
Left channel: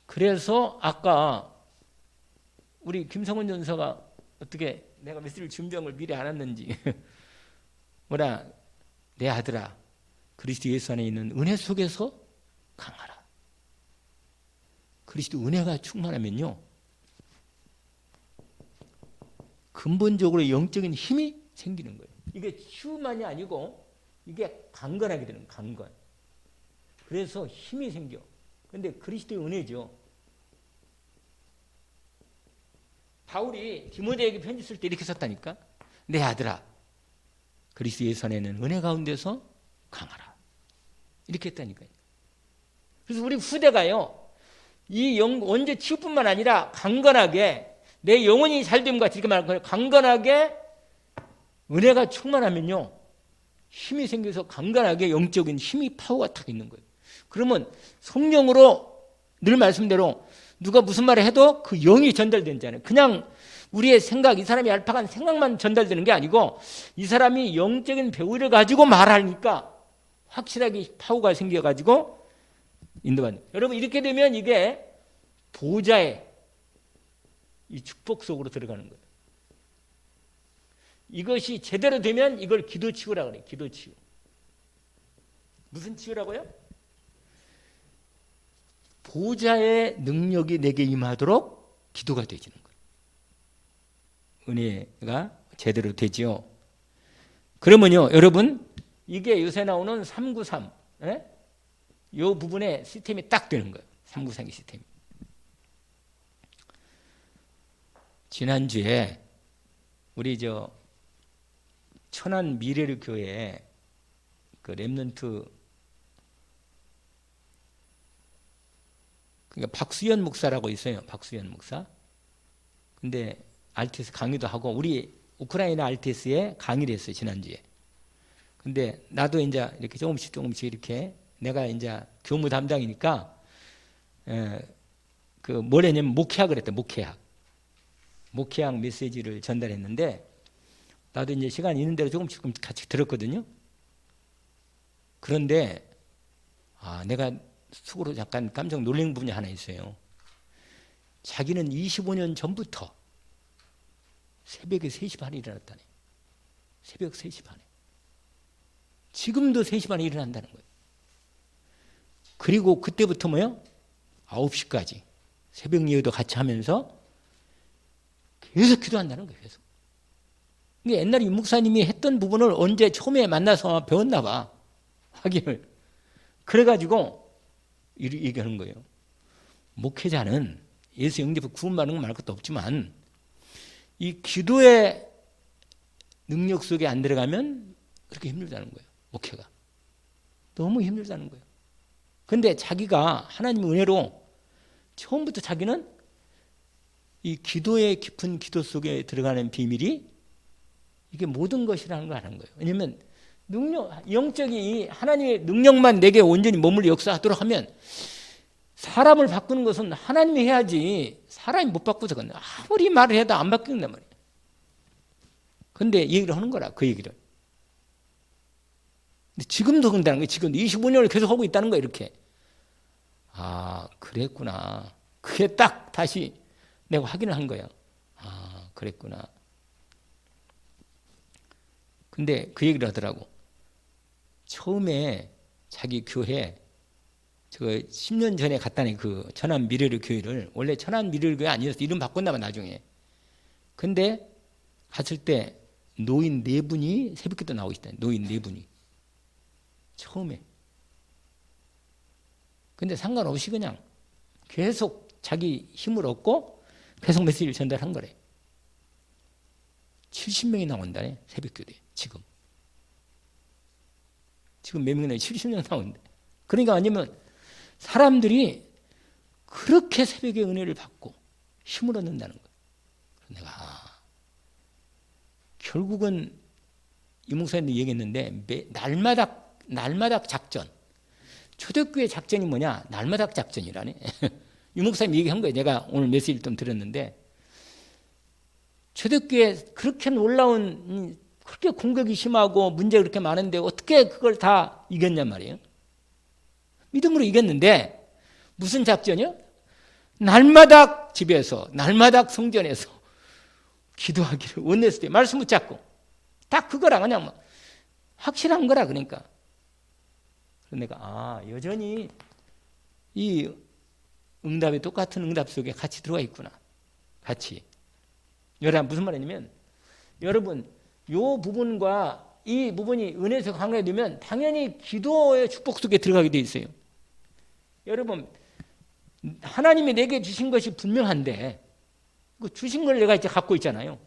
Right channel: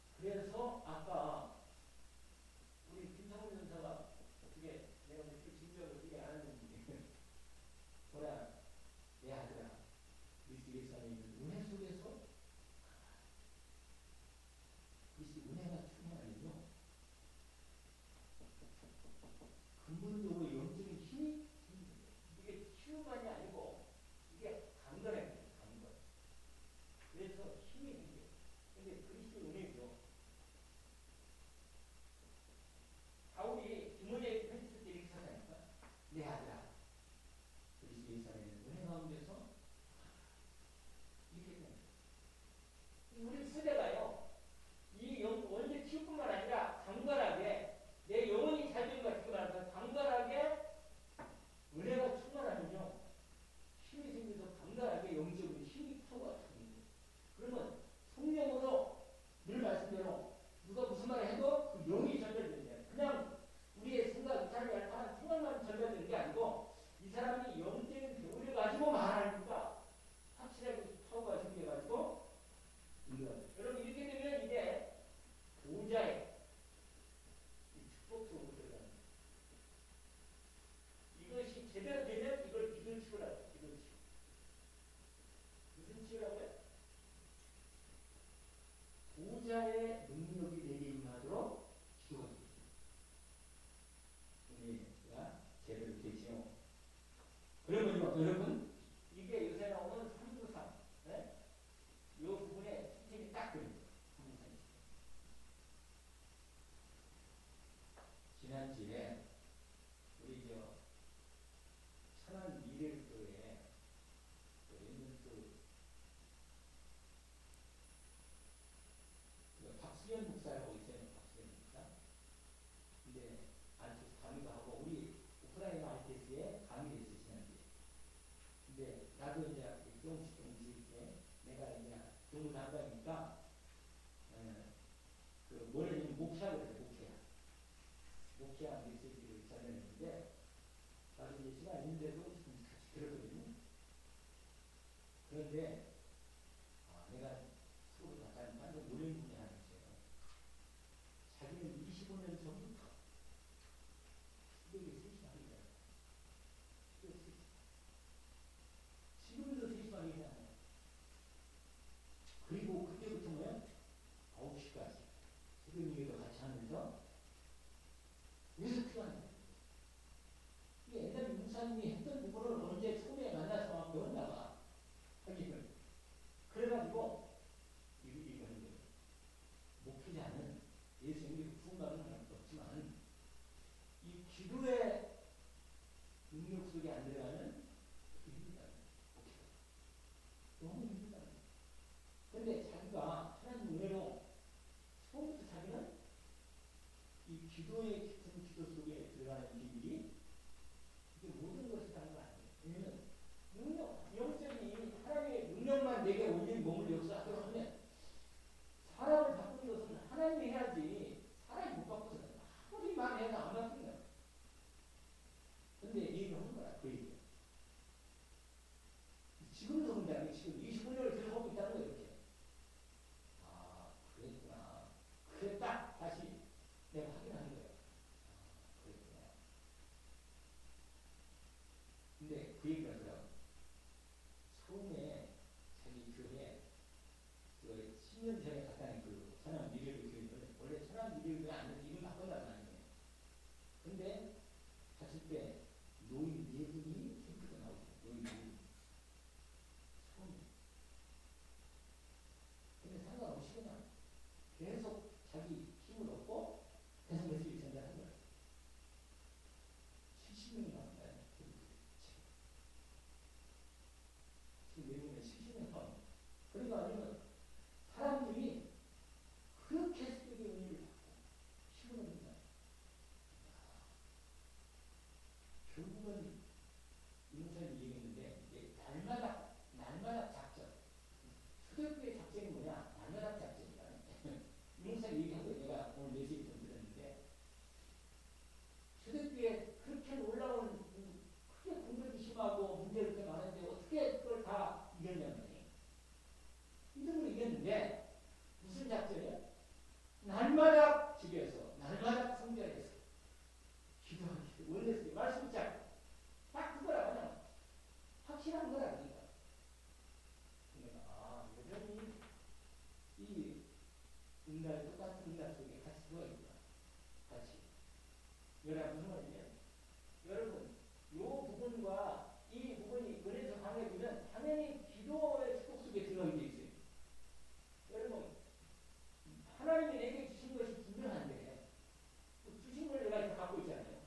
그래서 아까 우리 김성원 전사가 어떻게 내가 메시지를 준비한 걸 미리 알았는지 뭐라 내 아들아 그리스도 예수 안에 있는 은혜 속에서 강하라. 그리스도 은혜가 충만하면요 근본적으로 영적인 힘이 생기는 거예요. 이게 치유만이 아니고 이게 강건하게 되는 거예요. 강건. 그래서 힘이 생겨. 근데 그리스도의 은혜죠. 바울이 디모데에게 편지 쓸 때 이렇게 썼다니까. 내 아들아 그리스도 예수 안에는 은혜 가운데서 강하라. 이렇게 했다니까요. 그래서 우리 후대가요. 이 원죄 치유뿐만 아니라 강건하게 내 영혼이 잘됨 같이 이렇게 말하는 거예요. 강건하게 은혜가 충만하면요. 힘이 생겨서 강건하게 영적인 힘이 파워가 딱 있는 거예요. 그러면 성령으로 늘 말씀대로 누가 무슨 말을 해도 그 영이 전달되잖아요. 그냥 우리의 생각, 이 사람이 얄팍한 생각만 전달되는 게 아니고 이 사람이 영적인 배우를 가지고 말하니까 확실하게 파워가 생겨가지고 인도받는. 여러분 이렇게 되면 이게 보좌의 이 축복 속으로 들어가는 거예요. 이것이 제대로 되면 이걸 기도치유라고 그래요. 기도치유. 무슨 치유라고요? 보좌의 능력이 내게 임하도록 기도가 되지는 거예요. 은혜가 제대로 되지요. 그러면요 여러분 이게 요새 나오는 393 이 부분에 시스템이 딱 되는 거예요. 393의 시스템. 지난주에 우리 천안 미래를 교회 그 렘넌트 그러니까 박수현 목사라고 있어요. 박수현 목사. 근데 RTS 강의도 하고 우리 우크라이나 RTS에 강의를 했어요. 지난주에. 근데 나도 이제 이렇게 조금씩 이렇게 내가 이제 교무 담당이니까 그 뭘 했냐면 목회학을 했대. 목회학 메시지를 전달했는데 나도 이제 시간 있는 대로 조금씩 같이 들었거든요. 그런데 내가 속으로 약간 깜짝 놀란 부분이 하나 있어요. 자기는 25년 전부터 새벽에 3시 반에 일어났다네. 새벽 3시 반에. 지금도 3시 반에 일어난다는 거예요. 그리고 그때부터 9시까지 새벽 예배도 같이 하면서 계속 기도한다는 거예요. 계속. 옛날에 유 목사님이 했던 부분을 언제 처음에 만나서 배웠나 봐. 확인을. 그래가지고 얘기하는 거예요. 목회자는 예수 영접을 구원받는 건 말 것도 없지만 이 기도의 능력 속에 안 들어가면 그렇게 힘들다는 거예요. 목회가. 너무 힘들다는 거예요. 근데 자기가 하나님의 은혜로 처음부터 자기는 이 기도의 깊은 기도 속에 들어가는 비밀이 이게 모든 것이라는 걸 아는 거예요. 왜냐하면 영적인 하나님의 능력만 내게 온전히 머물러 역사하도록 하면 사람을 바꾸는 것은 하나님이 해야지 사람이 못 바꾸서 아무리 말을 해도 안 바뀐단 말이에요. 근데 얘기를 하는 거라, 그 얘기를. 근데 지금도 그런다는 거예요. 지금도 25년을 계속 하고 있다는 거예요. 이렇게. 아, 그랬구나. 그게 딱 다시 내가 확인을 한 거예요. 아, 그랬구나. 근데 그 얘기를 하더라고. 처음에 자기 교회, 저 10년 전에 갔다니 그 천안 미래를 교회를, 원래 천안 미래를 교회 아니었어. 이름 바꿨나봐, 나중에. 근데 갔을 때 노인 4분이 새벽기도 나오고 있다. 노인 4분이. 처음에. 근데 상관없이 그냥 계속 자기 힘을 얻고 계속 메시지를 전달한 거래. 70명이 나온다네, 새벽교대. 지금 몇 명이나 70명 나온대. 그러니까 아니면 사람들이 그렇게 새벽의 은혜를 받고 힘을 얻는다는 거예요. 내가 결국은 이 목사님도 얘기했는데 날마다 작전. 초대교회 작전이 뭐냐? 날마다 작전이라네. 이 목사님 얘기한 거예요. 내가 오늘 메시지를 좀 들었는데 초대교회 그렇게 놀라운 그렇게 공격이 심하고 문제가 그렇게 많은데 어떻게 그걸 다 이겼냔 말이에요. 믿음으로 이겼는데 무슨 작전이요? 날마다 집에서 날마다 성전에서 기도하기를 원했을 때 말씀 붙잡고 딱 그거라 그냥 뭐 확실한 거라. 그러니까 내가 여전히 이 응답이 똑같은 응답 속에 같이 들어가 있구나. 같이. 여러분 무슨 말이냐면 여러분 요 부분과 이 부분이 은혜에서 강화되면 당연히 기도의 축복 속에 들어가게 돼 있어요. 여러분 하나님이 내게 주신 것이 분명한데 그 주신 걸 내가 이제 갖고 있잖아요.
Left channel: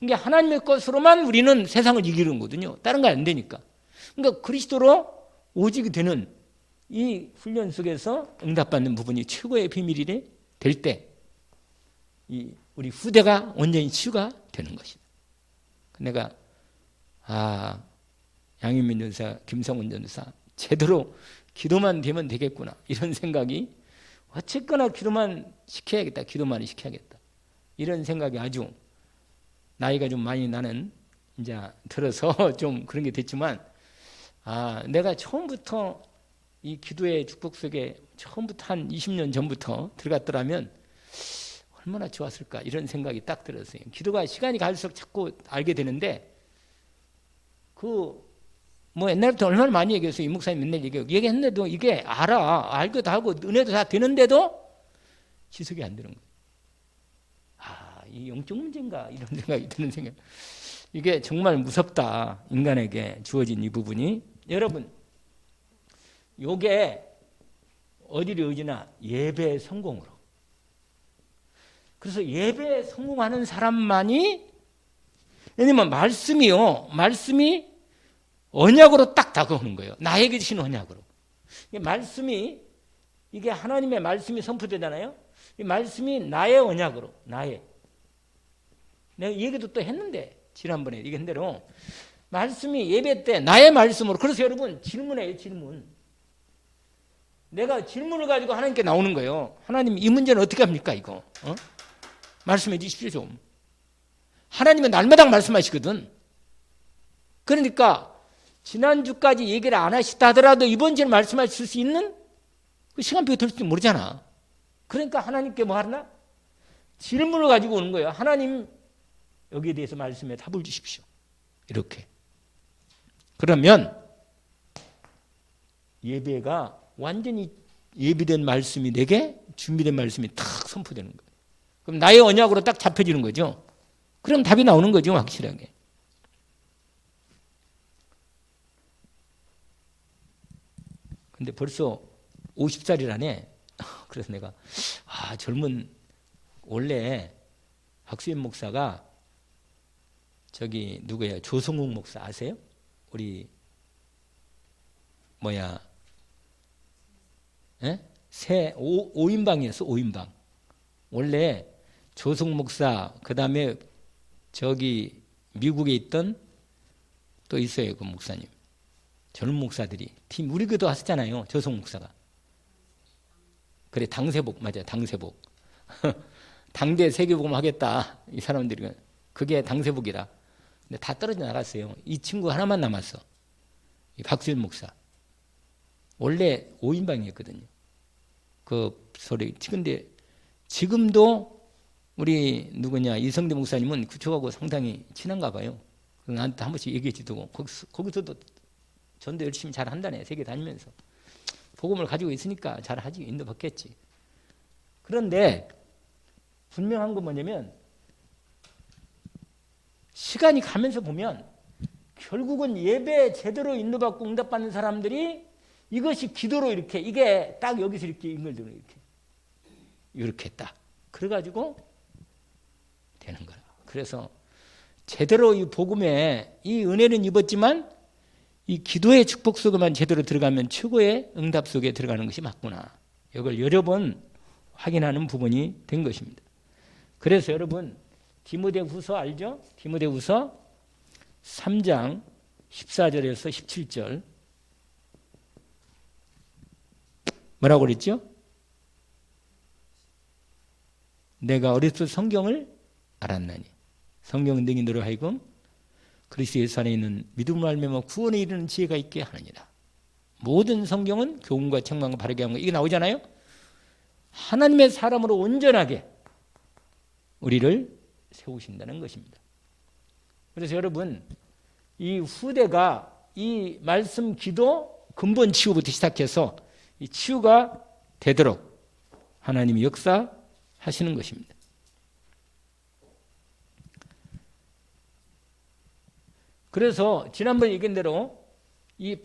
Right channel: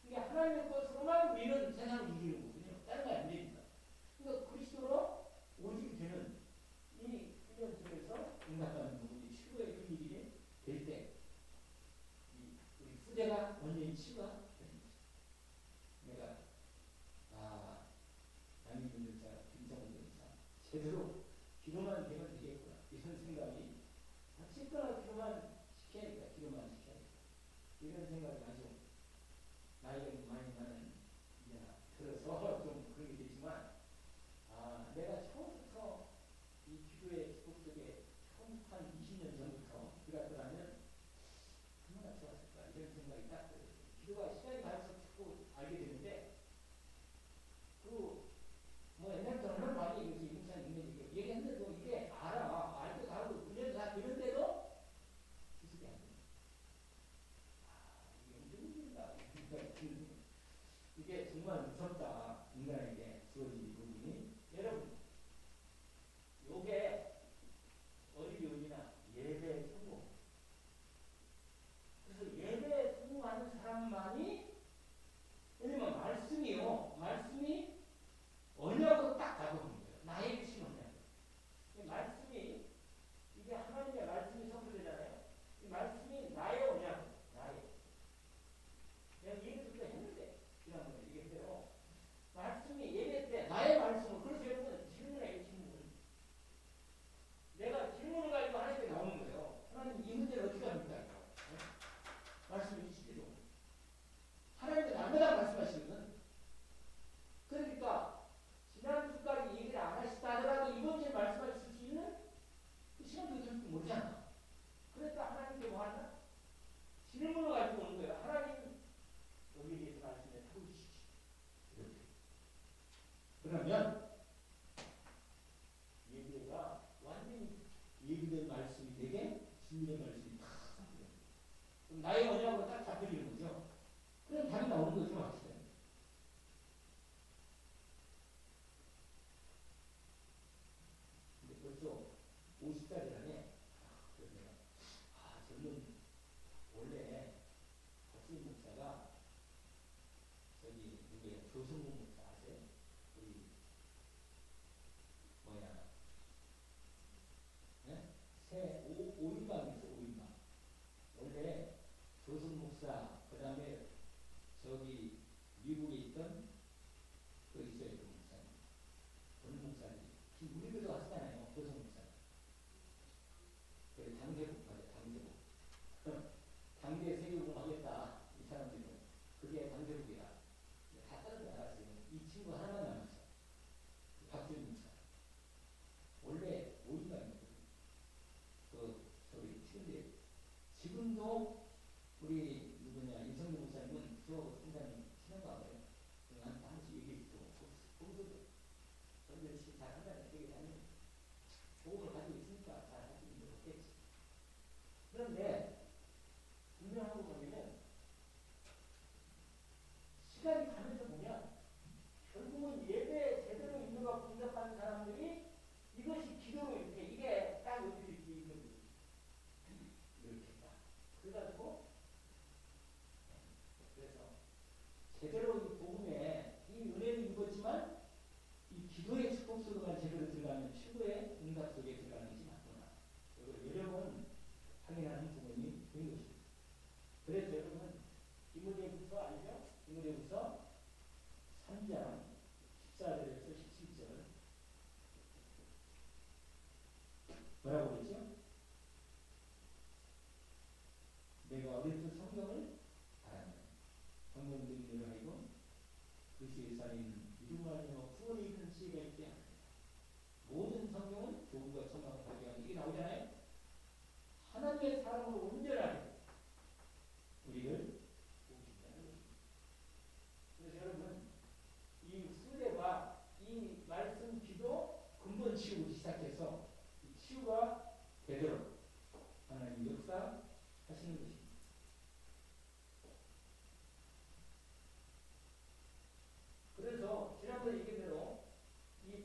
그러니까 하나님의 것으로만 우리는 세상을 이기는 거거든요. 다른 거 안 되니까. 그러니까 그리스도로 오직이 되는 이 훈련 속에서 응답받는 부분이 최고의 비밀이 될 때 우리 후대가 온전히 치유가 되는 것입니다. 내가 양윤민 전사, 김성훈 전사 제대로 기도만 되면 되겠구나 이런 생각이 어쨌거나 기도만 시켜야겠다. 기도만 시켜야겠다. 이런 생각이 아주 나이가 좀 많이 나는 이제 들어서 좀 그런 게 됐지만 내가 처음부터 이 기도의 축복 속에 처음부터 한 20년 전부터 들어갔더라면 얼마나 좋았을까 이런 생각이 딱 들었어요. 기도가 시간이 갈수록 자꾸 알게 되는데 뭐 옛날부터 얼마나 많이 얘기했어요. 이 목사님 맨날 얘기했는데도 이게 알고 다 하고 은혜도 다 되는데도 지속이 안 되는 거예요. 이 영적 문제인가 이런 생각이 드는 생각. 이게 정말 무섭다. 인간에게 주어진 이 부분이. 여러분 요게 어디를 의지나 예배 성공으로. 그래서 예배에 성공하는 사람만이 왜냐면 말씀이 언약으로 딱 다가오는 거예요. 나에게 주신 언약으로. 말씀이 이게 하나님의 말씀이 선포되잖아요. 이 말씀이 나의 언약으로 내가 얘기도 또 했는데 지난번에 얘기한 대로 말씀이 예배 때 나의 말씀으로. 그래서 여러분 질문해요. 질문. 내가 질문을 가지고 하나님께 나오는 거예요. 하나님 이 문제는 어떻게 합니까 이거? 말씀해 주십시오 좀. 하나님은 날마다 말씀하시거든. 그러니까 지난주까지 얘기를 안 하시다 하더라도 이번 주에 말씀하실 수 있는 그 시간표가 될지 모르잖아. 그러니까 하나님께 뭐 하나? 질문을 가지고 오는 거예요. 하나님 여기에 대해서 말씀에 답을 주십시오. 이렇게. 그러면 예배가 완전히 예비된 말씀이 내게 준비된 말씀이 탁 선포되는 거예요. 그럼 나의 언약으로 딱 잡혀지는 거죠. 그럼 답이 나오는 거죠. 확실하게. 근데 벌써 50살이라네. 그래서 내가 젊은 원래 박수현 목사가 저기 누구예요? 조성욱 목사 아세요? 우리 예? 새 5인방이었어. 5인방. 원래 조성욱 목사 그다음에 저기 미국에 있던 또 있어요. 그 목사님. 젊은 목사들이 팀 우리 교도 하셨잖아요. 조성욱 목사가. 그래 당세복 맞아요. 당세복. 당대 세계복음 하겠다. 이 사람들이 그게 당세복이라. 근데 다 떨어져 나갔어요. 이 친구 하나만 남았어. 이 박수현 목사. 원래 5인방이었거든요. 그 소리. 근데 지금도 우리 누구냐 이성대 목사님은 그쪽하고 상당히 친한가 봐요. 나한테 한 번씩 얘기해 주고 거기서도 전도 열심히 잘 한다네. 세계 다니면서. 복음을 가지고 있으니까 잘 하지. 인도 받겠지. 그런데 분명한 건 뭐냐면 시간이 가면서 보면 결국은 예배 제대로 인도받고 응답받는 사람들이 이것이 기도로 이렇게 이게 딱 여기서 이렇게 연결되는 이렇게 딱 그래가지고 되는 거야. 그래서 제대로 이 복음에 이 은혜는 입었지만 이 기도의 축복 속에만 제대로 들어가면 최고의 응답 속에 들어가는 것이 맞구나. 이걸 여러 번 확인하는 부분이 된 것입니다. 그래서 여러분 디모데후서 알죠? 디모데후서 3장 14절에서 17절 뭐라고 그랬죠? 내가 어렸을 때 성경을 알았나니 성경 등이 너로 하여금 그리스도 예수 안에 있는 믿음을 알며 구원에 이르는 지혜가 있게 하느니라. 모든 성경은 교훈과 책망과 바르게 하는 거 이게 나오잖아요. 하나님의 사람으로 온전하게 우리를 세우신다는 것입니다. 그래서 여러분 이 후대가 이 말씀 기도 근본 치유부터 시작해서 이 치유가 되도록 하나님이 역사하시는 것입니다. 그래서 지난번에 얘기한 대로 이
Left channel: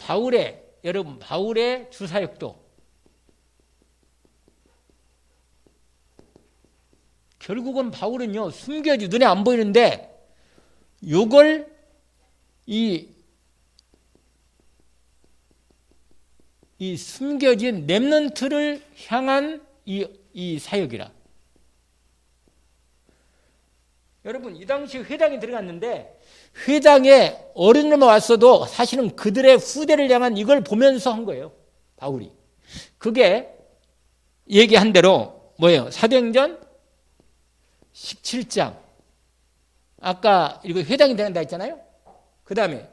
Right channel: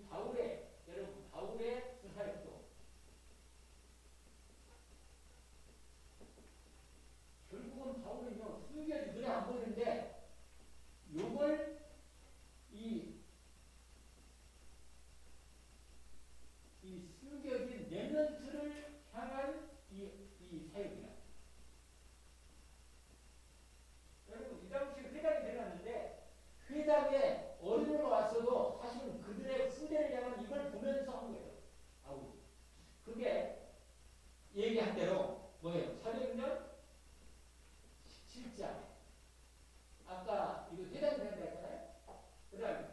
여러분 바울의 주사역도 결국은 바울은요 숨겨지 눈에 안 보이는데 요걸 이 숨겨진 렘넌트를 향한 이 사역이라. 여러분 이 당시 회당에 들어갔는데 회당에 어른들만 왔어도 사실은 그들의 후대를 향한 이걸 보면서 한 거예요. 바울이. 그게 얘기한 대로 뭐예요? 사도행전 17장 아까 이거 회당이 된다 했잖아요. 그 다음에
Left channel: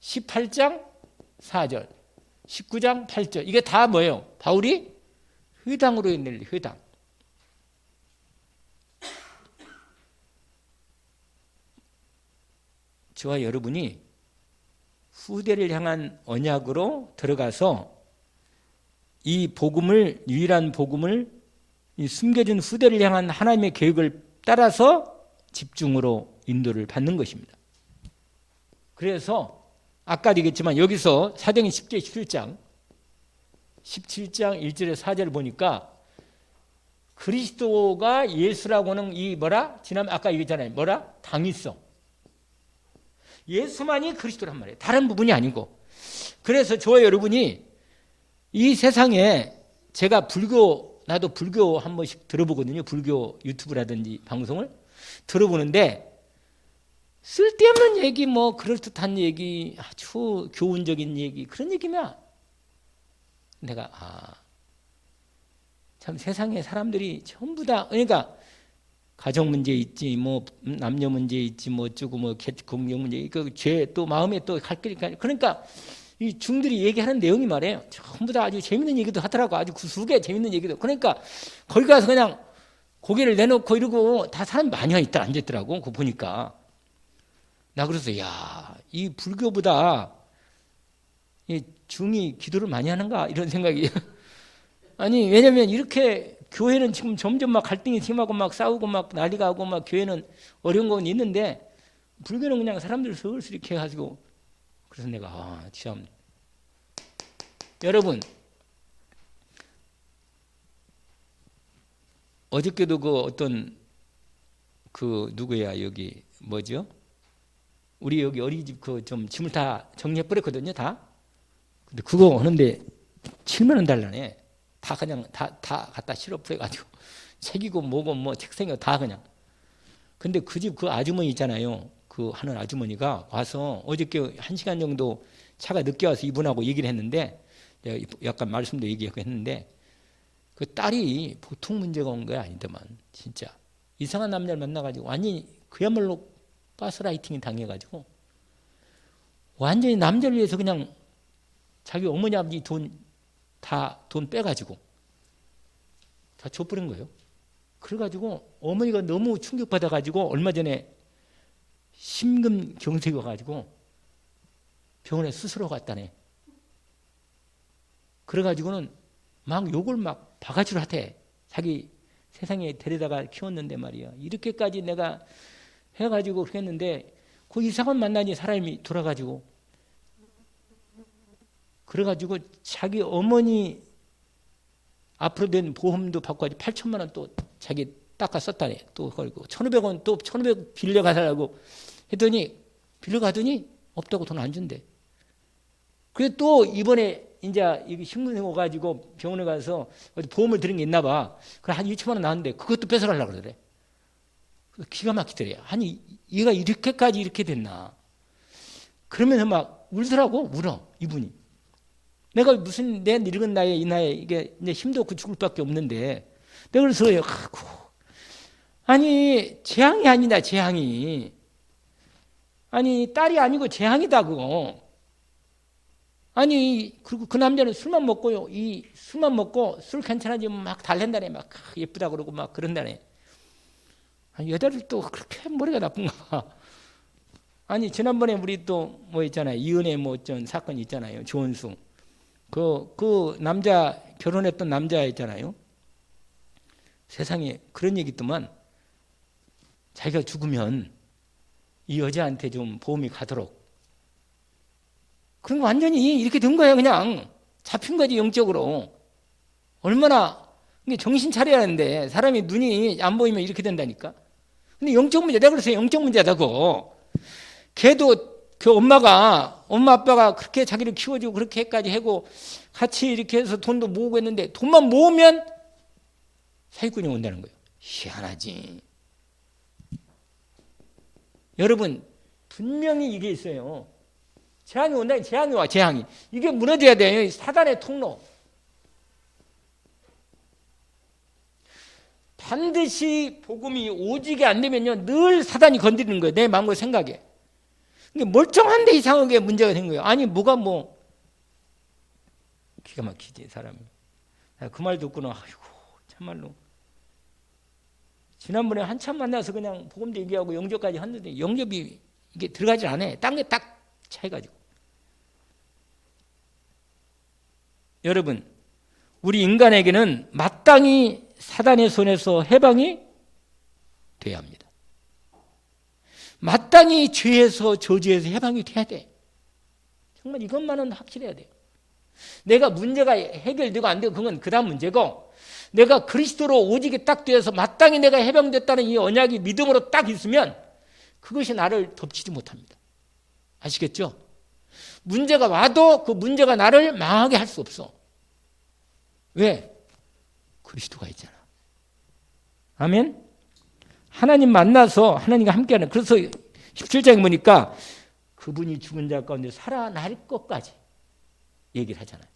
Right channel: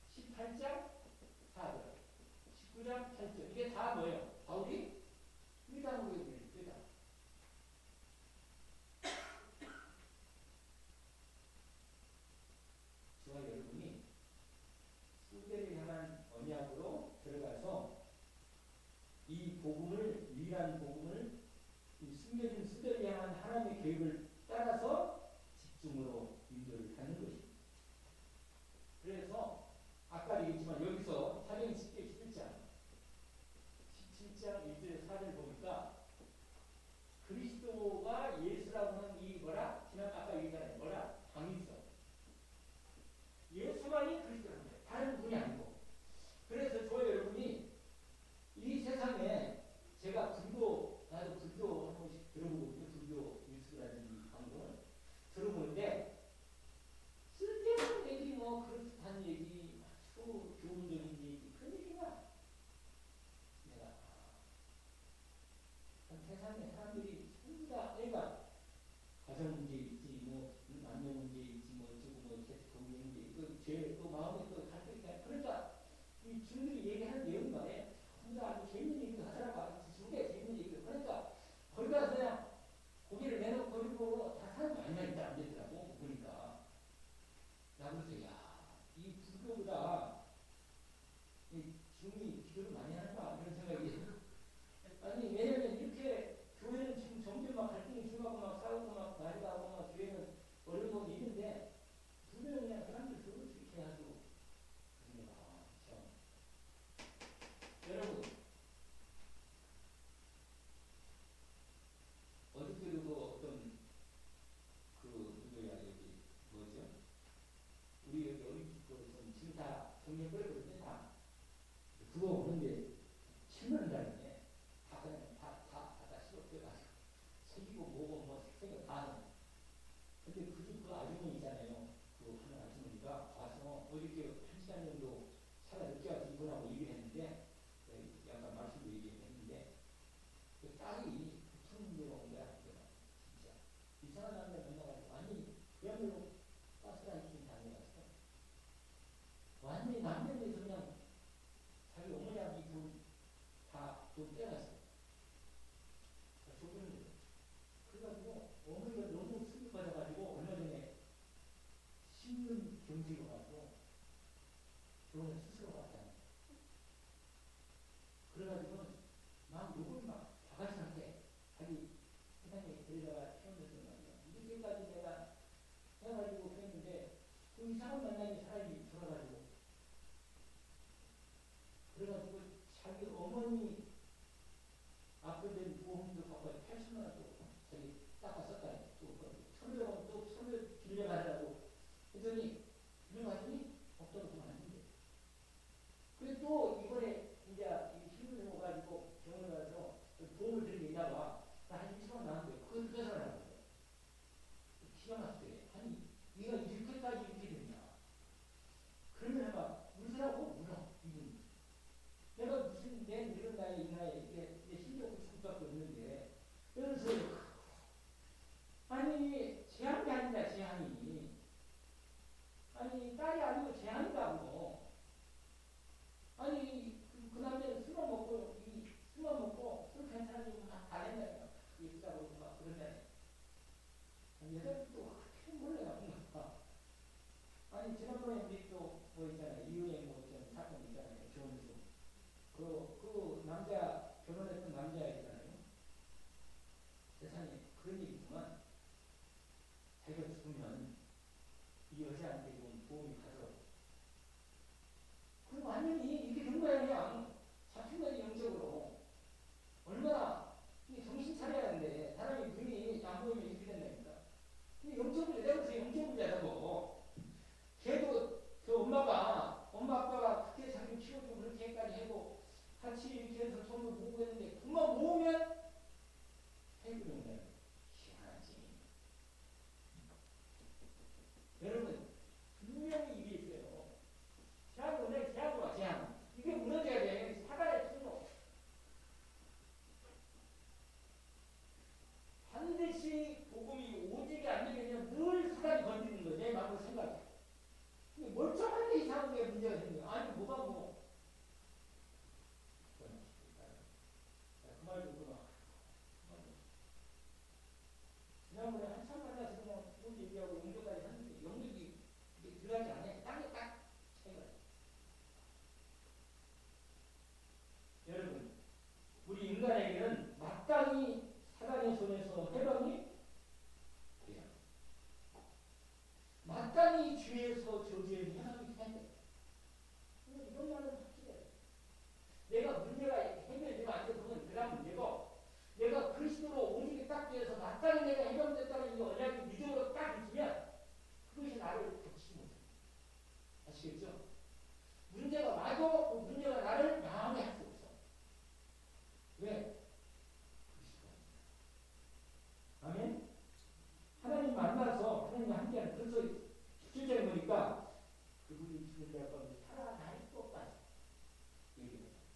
18장 4절 19장 8절 이게 다 뭐예요? 바울이 회당으로 있는 회당. 저와 여러분이 후대를 향한 언약으로 들어가서 이 복음을 유일한 복음을 이 숨겨진 후대를 향한 하나님의 계획을 따라서 집중으로 인도를 받는 것입니다. 그래서 아까도 얘기했지만 여기서 사도행전 10장 17장 1절에 4절을 보니까 그리스도가 예수라고는 이 지난번 아까 얘기했잖아요. 당위성. 예수만이 그리스도란 말이에요. 다른 부분이 아니고. 그래서 저와 여러분이 이 세상에 제가 나도 불교 한 번씩 들어보거든요. 불교 유튜브라든지 방송을 들어보는데 쓸데없는 얘기 그럴듯한 얘기 아주 교훈적인 얘기 그런 얘기면 내가 참 세상에 사람들이 전부 다 그러니까 가정 문제 있지 남녀 문제 있지 어쩌고 공경 문제 죄 또 마음에 또 갈 거니까 그러니까 이 중들이 얘기하는 내용이 말이에요. 전부 다 아주 재밌는 얘기도 하더라고. 아주 구수하게 재밌는 얘기도. 그러니까 거기 가서 그냥 고개를 내놓고 이러고 다 사람이 많이 있다 앉았더라고. 그거 보니까 나 그래서 이 불교보다 이 중이 기도를 많이 하는가 이런 생각이 아니 왜냐면 이렇게 교회는 지금 점점 갈등이 심하고 싸우고 난리가 하고 교회는 어려운 건 있는데 불교는 그냥 사람들 슬슬 이렇게 해가지고 그래서 내가 참 여러분 어저께도 그 어떤 그 누구야 여기 뭐죠? 우리 여기 어린이집 그 좀 짐을 다 정리해 버렸거든요 다. 근데 그거 하는데 7만 원 달라네. 다 그냥 다 갖다 실어 버려가지고 책이고 뭐고 뭐 책상이고 다 그냥. 근데 그 집 그 아주머니 있잖아요. 그 하는 아주머니가 와서 어저께 1시간 정도 차가 늦게 와서 이분하고 얘기를 했는데 내가 약간 말씀도 얘기하고 했는데 그 딸이 보통 문제가 온 거야 아니더만 진짜 이상한 남자를 만나가지고 완전히 그야말로 가스라이팅이 당해가지고 완전히 남자를 위해서 그냥 자기 어머니 아버지 돈 빼가지고 다 줘버린 거예요. 그래가지고 어머니가 너무 충격받아가지고 얼마 전에 심근경색이 와가지고 병원에 수술하고 갔다네. 그래가지고는 막 욕을 막 바가지로 하대. 자기 세상에 데려다가 키웠는데 말이야. 이렇게까지 내가 해가지고 그랬는데 그 이상한 만나니 사람이 돌아가지고 그래가지고 자기 어머니 앞으로 된 보험도 받고 8천만 원 또 자기 닦아 썼다네. 또 걸고 1,500원 또 1,500 빌려가달라고 했더니 빌려가더니 없다고 돈 안 준대. 그래 또 이번에 이제 이게 신문에 오가지고 병원에 가서 어디 보험을 들은 게 있나 봐. 그래 한 2천만 원 나왔는데 그것도 뺏어가려고 그러래. 기가 막히더래. 아니 얘가 이렇게까지 이렇게 됐나. 그러면서 막 울더라고. 울어 이분이. 내가 무슨 내 늙은 나이에 이 나이에 이게 이제 힘도 없고 죽을 밖에 없는데 내가 그래서 아니 재앙이 아니다 재앙이. 아니 딸이 아니고 재앙이다 그거. 아니 그리고 그 남자는 술만 먹고요. 이 술만 먹고 술 괜찮아지면 막 달랜다네. 막 예쁘다 그러고 막 그런다네. 아니 여자들 또 그렇게 머리가 나쁜가. 아니 지난번에 우리 또 뭐 있잖아요. 이은혜 뭐 어쩐 사건 있잖아요. 조은수. 그 남자 결혼했던 남자 있잖아요. 세상에 그런 얘기 있더만 자기가 죽으면 이 여자한테 좀 보험이 가도록. 그런 거 완전히 이렇게 된 거야 그냥. 잡힌 거지 영적으로. 얼마나 정신 차려야 하는데 사람이 눈이 안 보이면 이렇게 된다니까. 근데 영적 문제 내가 그래서 영적 문제다고. 걔도 그 엄마 아빠가 그렇게 자기를 키워주고 그렇게까지 하고 같이 이렇게 해서 돈도 모으고 했는데 돈만 모으면 사기꾼이 온다는 거예요. 희한하지. 여러분 분명히 이게 있어요. 재앙이 온다니 재앙이 와 재앙이. 이게 무너져야 돼요. 사단의 통로. 반드시 복음이 오지게 안 되면요 늘 사단이 건드리는 거예요. 내 마음과 생각에. 근데 멀쩡한데 이상하게 문제가 된 거예요. 아니 뭐가 뭐 기가 막히지 사람이. 그 말 듣고는 아이고 참말로. 지난번에 한참 만나서 그냥 복음도 얘기하고 영접까지 했는데 영접이 이게 들어가질 않아. 딴 게 딱 차이가지고. 여러분 우리 인간에게는 마땅히 사단의 손에서 해방이 돼야 합니다. 마땅히 죄에서 저주에서 해방이 돼야 돼. 정말 이것만은 확실해야 돼요. 내가 문제가 해결되고 안 되고 그건 그 다음 문제고 내가 그리스도로 오직에 딱 되어서 마땅히 내가 해방됐다는 이 언약이 믿음으로 딱 있으면 그것이 나를 덮치지 못합니다. 아시겠죠? 문제가 와도 그 문제가 나를 망하게 할 수 없어. 왜? 그리스도가 있잖아. 아멘? 하나님 만나서 하나님과 함께하는. 그래서 17장에 보니까 그분이 죽은 자 가운데 살아날 것까지 얘기를 하잖아요.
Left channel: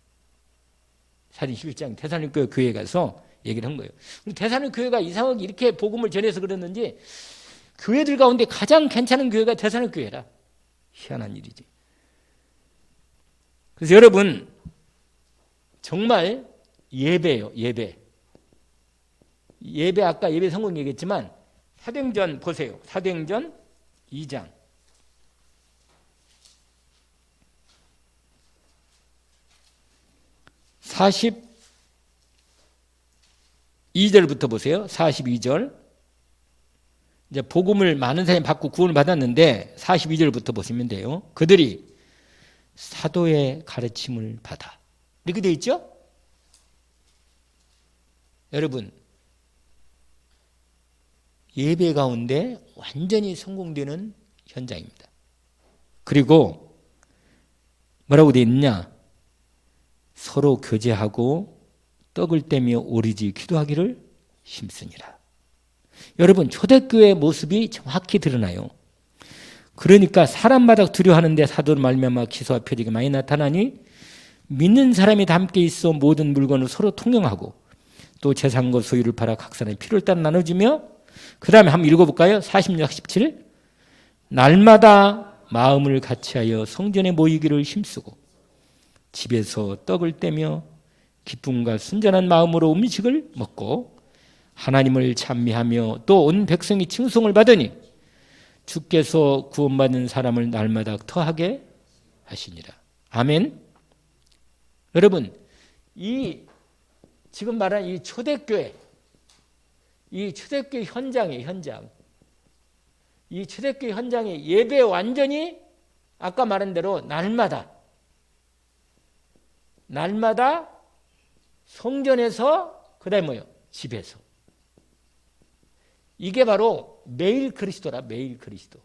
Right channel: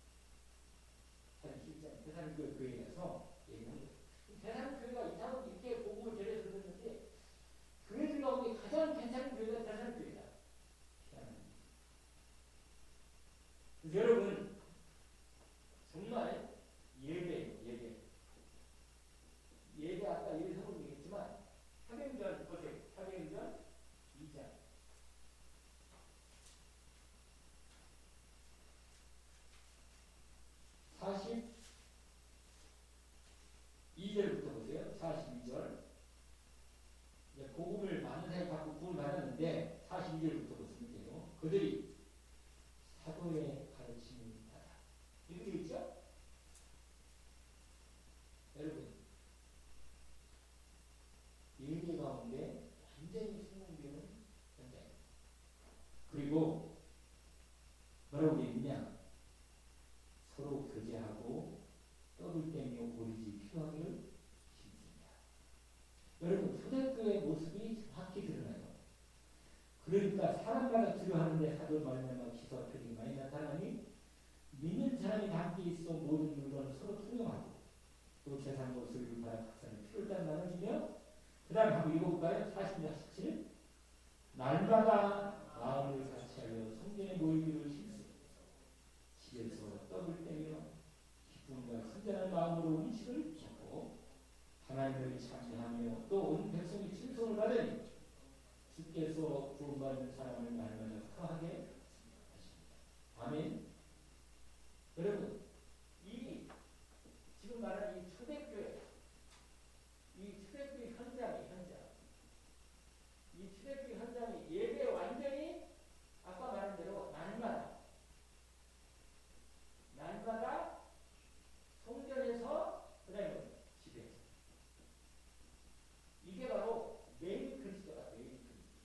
사도행 11장 데살로니가 교회에 가서 얘기를 한 거예요. 데살로니가 교회가 이상하게 이렇게 복음을 전해서 그랬는지 교회들 가운데 가장 괜찮은 교회가 데살로니가 교회라. 희한한 일이지. 그래서 여러분 정말 예배예요. 예배 아까 예배 성공 얘기했지만 사도행전 보세요. 사도행전 2장 42절부터 보세요. 42절. 이제 복음을 많은 사람이 받고 구원을 받았는데 42절부터 보시면 돼요. 그들이 사도의 가르침을 받아. 이렇게 되어 있죠? 여러분 예배 가운데 완전히 성공되는 현장입니다. 그리고 뭐라고 되어 있느냐? 서로 교제하고 떡을 떼며 오리지 기도하기를 힘쓰니라. 여러분, 초대교회의 모습이 정확히 드러나요. 그러니까 사람마다 두려워하는데 사도로 말미암아 기사와 표적이 많이 나타나니 믿는 사람이 다 함께 있어 모든 물건을 서로 통용하고 또 재산과 소유를 팔아 각 사람의 필요를 따라 나눠주며, 그 다음에 한번 읽어볼까요? 46, 17. 날마다 마음을 같이하여 성전에 모이기를 힘쓰고 집에서 떡을 떼며 기쁨과 순전한 마음으로 음식을 먹고 하나님을 찬미하며 또 온 백성이 칭송을 받으니 주께서 구원받은 사람을 날마다 더하게 하시니라. 아멘. 여러분, 이 지금 말한 이 초대교회, 이 초대교회 현장이에요. 현장. 이 초대교회 현장의 예배 완전히 아까 말한 대로 날마다 성전에서, 그 다음에 뭐예요? 집에서. 이게 바로 매일 그리스도라. 매일 그리스도.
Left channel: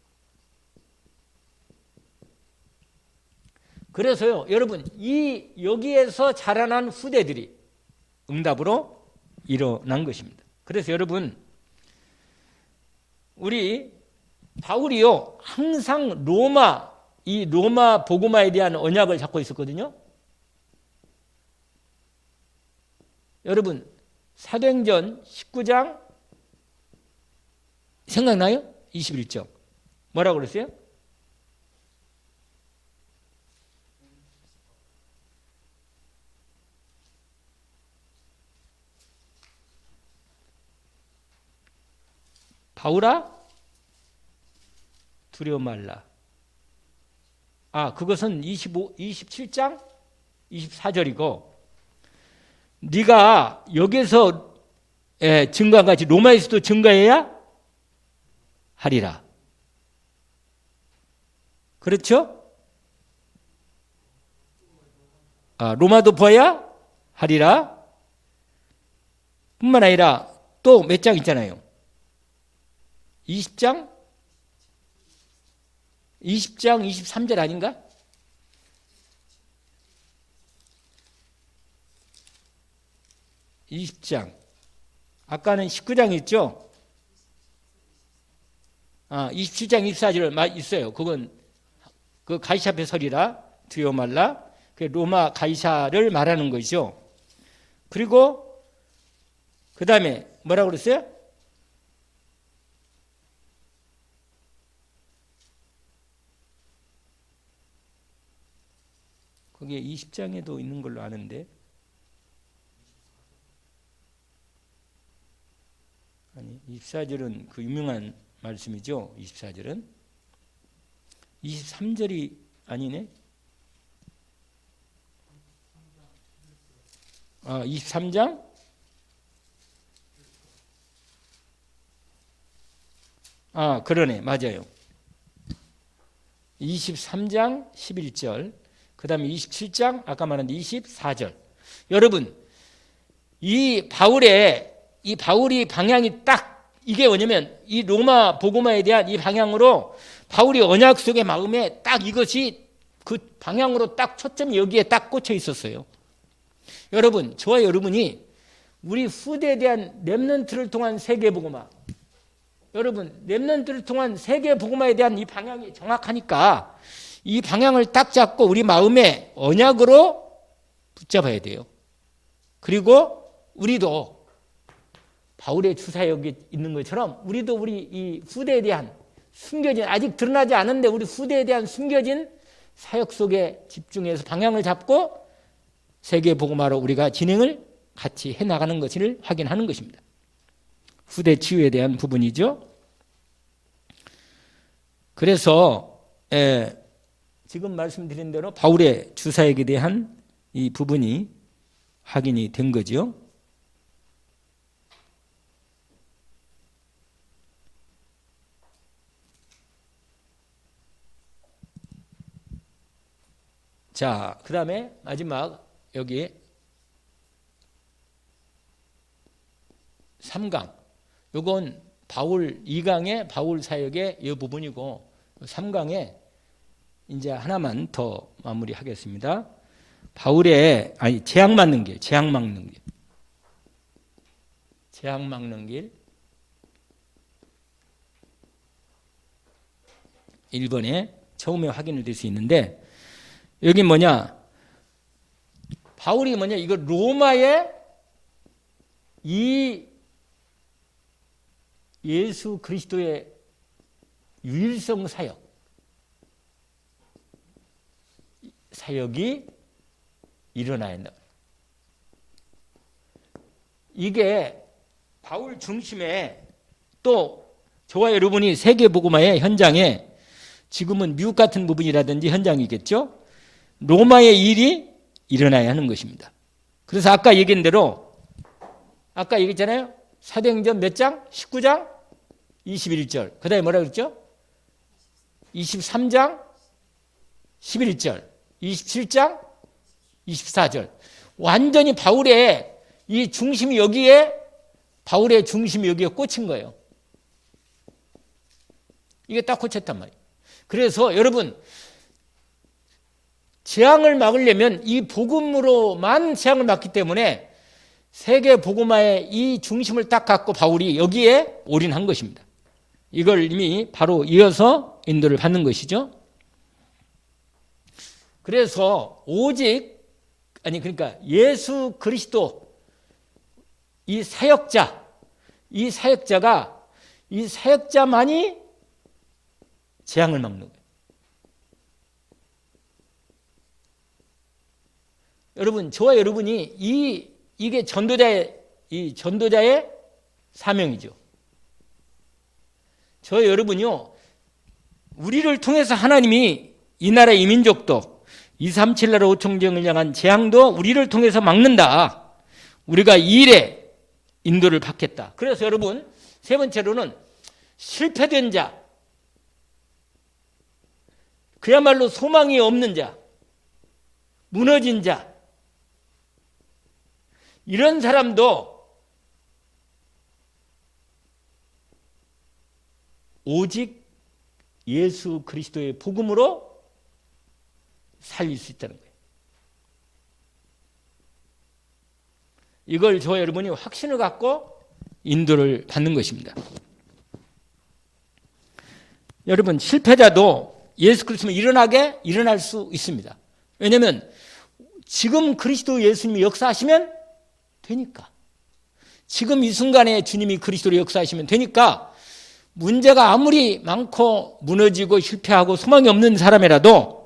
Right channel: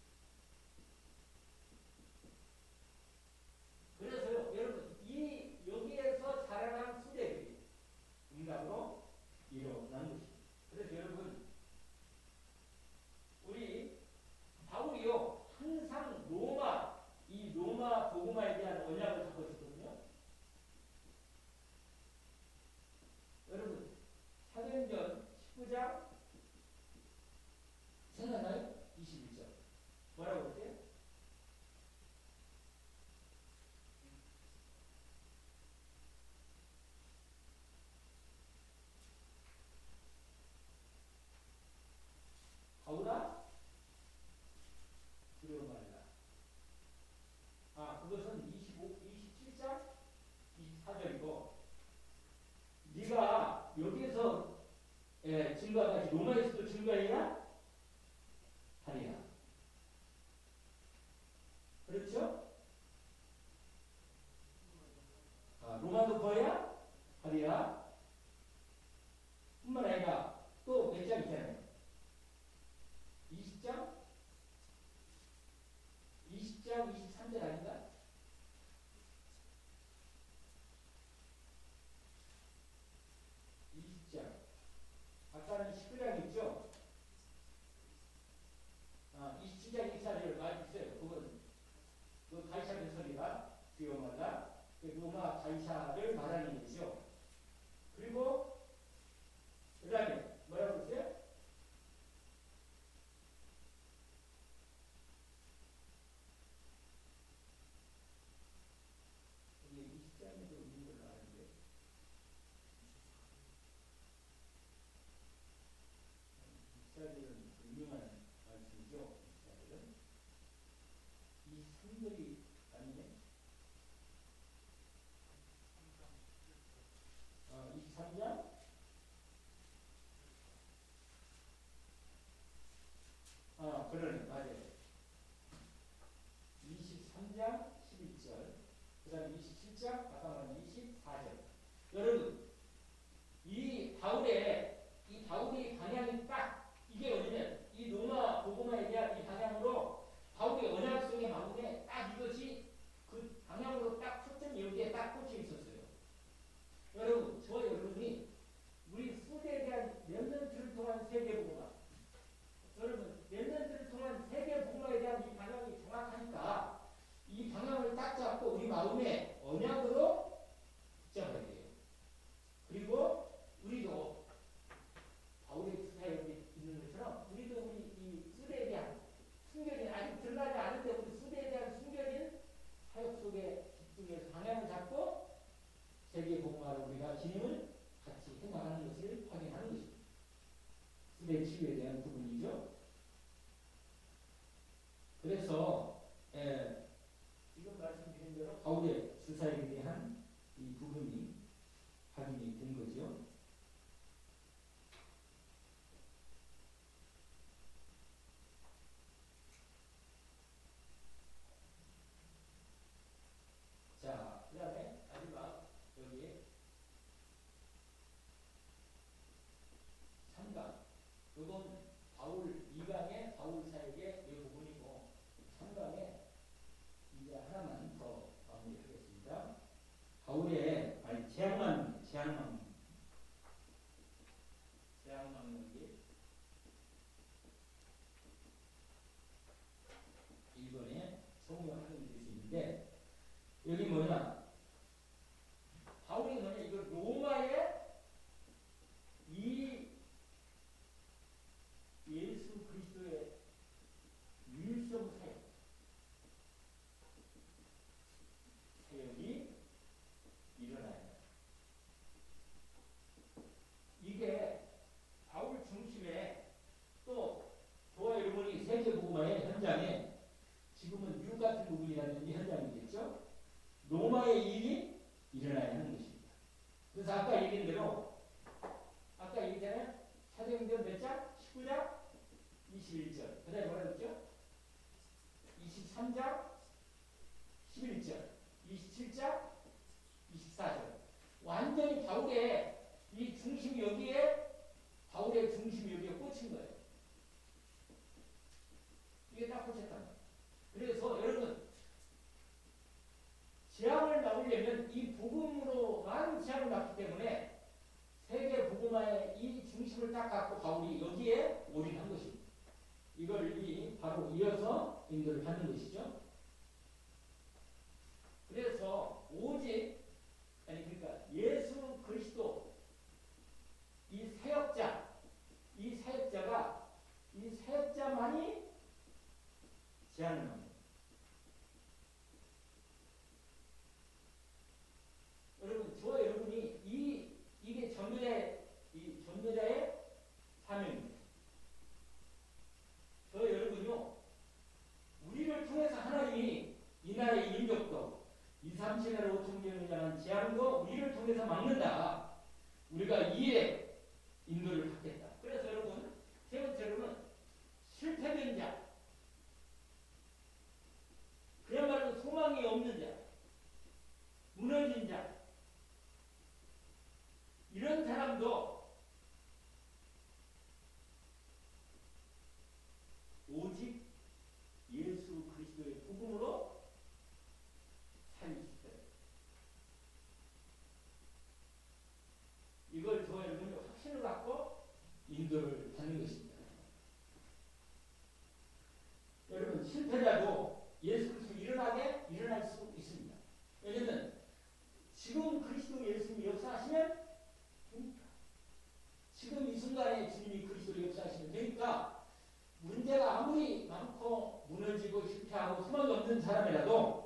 그래서요, 여러분, 이 여기에서 자라난 후대들이 응답으로 일어난 것입니다. 그래서 여러분, 우리 바울이요, 항상 이 로마 복음화에 대한 언약을 잡고 있었거든요. 여러분, 사도행전 19장 생각나요? 21절. 뭐라고 그랬어요? 바울아, 두려워 말라. 그것은 27장 24절이고, 네가 여기서 증거한 같이 로마에서도 증거해야 하리라. 그렇죠? 로마도 보아야 하리라. 뿐만 아니라 또 몇 장 있잖아요. 20장 23절 아닌가? 아까는 19장 있죠? 27장 24절 있어요. 그건 그 가이사 앞에 서리라, 두려워 말라. 그 로마 가이사를 말하는 것이죠. 그리고 그 다음에 뭐라고 그랬어요? 거기에 20장에도 있는 걸로 아는데, 아니 24절은 그 유명한 말씀이죠. 24절은 23절이 아니네. 23장 그러네, 맞아요. 23장 11절, 그 다음에 27장 아까 말한 24절. 여러분, 이 바울이 방향이 딱 이게 뭐냐면 이 로마 복음화에 대한 이 방향으로 바울이 언약 속의 마음에 딱 이것이 그 방향으로 딱 초점이 여기에 딱 꽂혀 있었어요. 여러분, 저와 여러분이 우리 후대에 대한 렘넌트를 통한 세계 복음화, 여러분 렘넌트를 통한 세계 복음화에 대한 이 방향이 정확하니까 이 방향을 딱 잡고 우리 마음에 언약으로 붙잡아야 돼요. 그리고 우리도 바울의 주사역이 있는 것처럼 우리도 우리 이 후대에 대한 숨겨진, 아직 드러나지 않은데 우리 후대에 대한 숨겨진 사역 속에 집중해서 방향을 잡고 세계 복음화로 우리가 진행을 같이 해나가는 것을 확인하는 것입니다. 후대 치유에 대한 부분이죠. 그래서 지금 말씀드린 대로 바울의 주사역에 대한 이 부분이 확인이 된 거죠. 자, 그 다음에 마지막 여기 3강. 요건 바울 2강의 바울 사역의 이 부분이고 3강에 이제 하나만 더 마무리하겠습니다. 바울의 재앙 막는 길, 재앙 막는 길. 재앙 막는 길 1번에 처음에 확인이 될 수 있는데 여기 뭐냐? 바울이 뭐냐? 이거 로마의 이 예수 그리스도의 유일성 사역이 일어나야 한다. 이게 바울 중심에 또 저와 여러분이 세계복음화의 현장에 지금은 미국 같은 부분이라든지 현장이겠죠. 로마의 일이 일어나야 하는 것입니다. 그래서 아까 얘기한 대로 아까 얘기했잖아요. 사도행전 몇 장? 19장? 21절. 그 다음에 뭐라 그랬죠? 23장? 11절. 27장? 24절. 완전히 바울의 이 중심이 여기에 바울의 중심이 여기에 꽂힌 거예요. 이게 딱 꽂혔단 말이에요. 그래서 여러분 재앙을 막으려면 이 복음으로만 재앙을 막기 때문에 세계 복음화의 이 중심을 딱 갖고 바울이 여기에 올인한 것입니다. 이걸 이미 바로 이어서 인도를 받는 것이죠. 그래서 오직 그러니까 예수 그리스도 이 사역자만이 재앙을 막는 거예요. 여러분, 저와 여러분이 이게 전도자의 사명이죠. 저 여러분이요, 우리를 통해서 하나님이 이 나라 이 민족도 237 나라 5천정을 향한 재앙도 우리를 통해서 막는다. 우리가 이 일에 인도를 받겠다. 그래서 여러분, 세 번째로는 실패된 자, 그야말로 소망이 없는 자, 무너진 자, 이런 사람도 오직 예수 그리스도의 복음으로 살릴 수 있다는 거예요. 이걸 저와 여러분이 확신을 갖고 인도를 받는 것입니다. 여러분, 실패자도 예수 그리스도는 일어날 수 있습니다. 왜냐하면 지금 그리스도 예수님이 역사하시면 되니까. 지금 이 순간에 주님이 그리스도로 역사하시면 되니까 문제가 아무리 많고 무너지고 실패하고 소망이 없는 사람이라도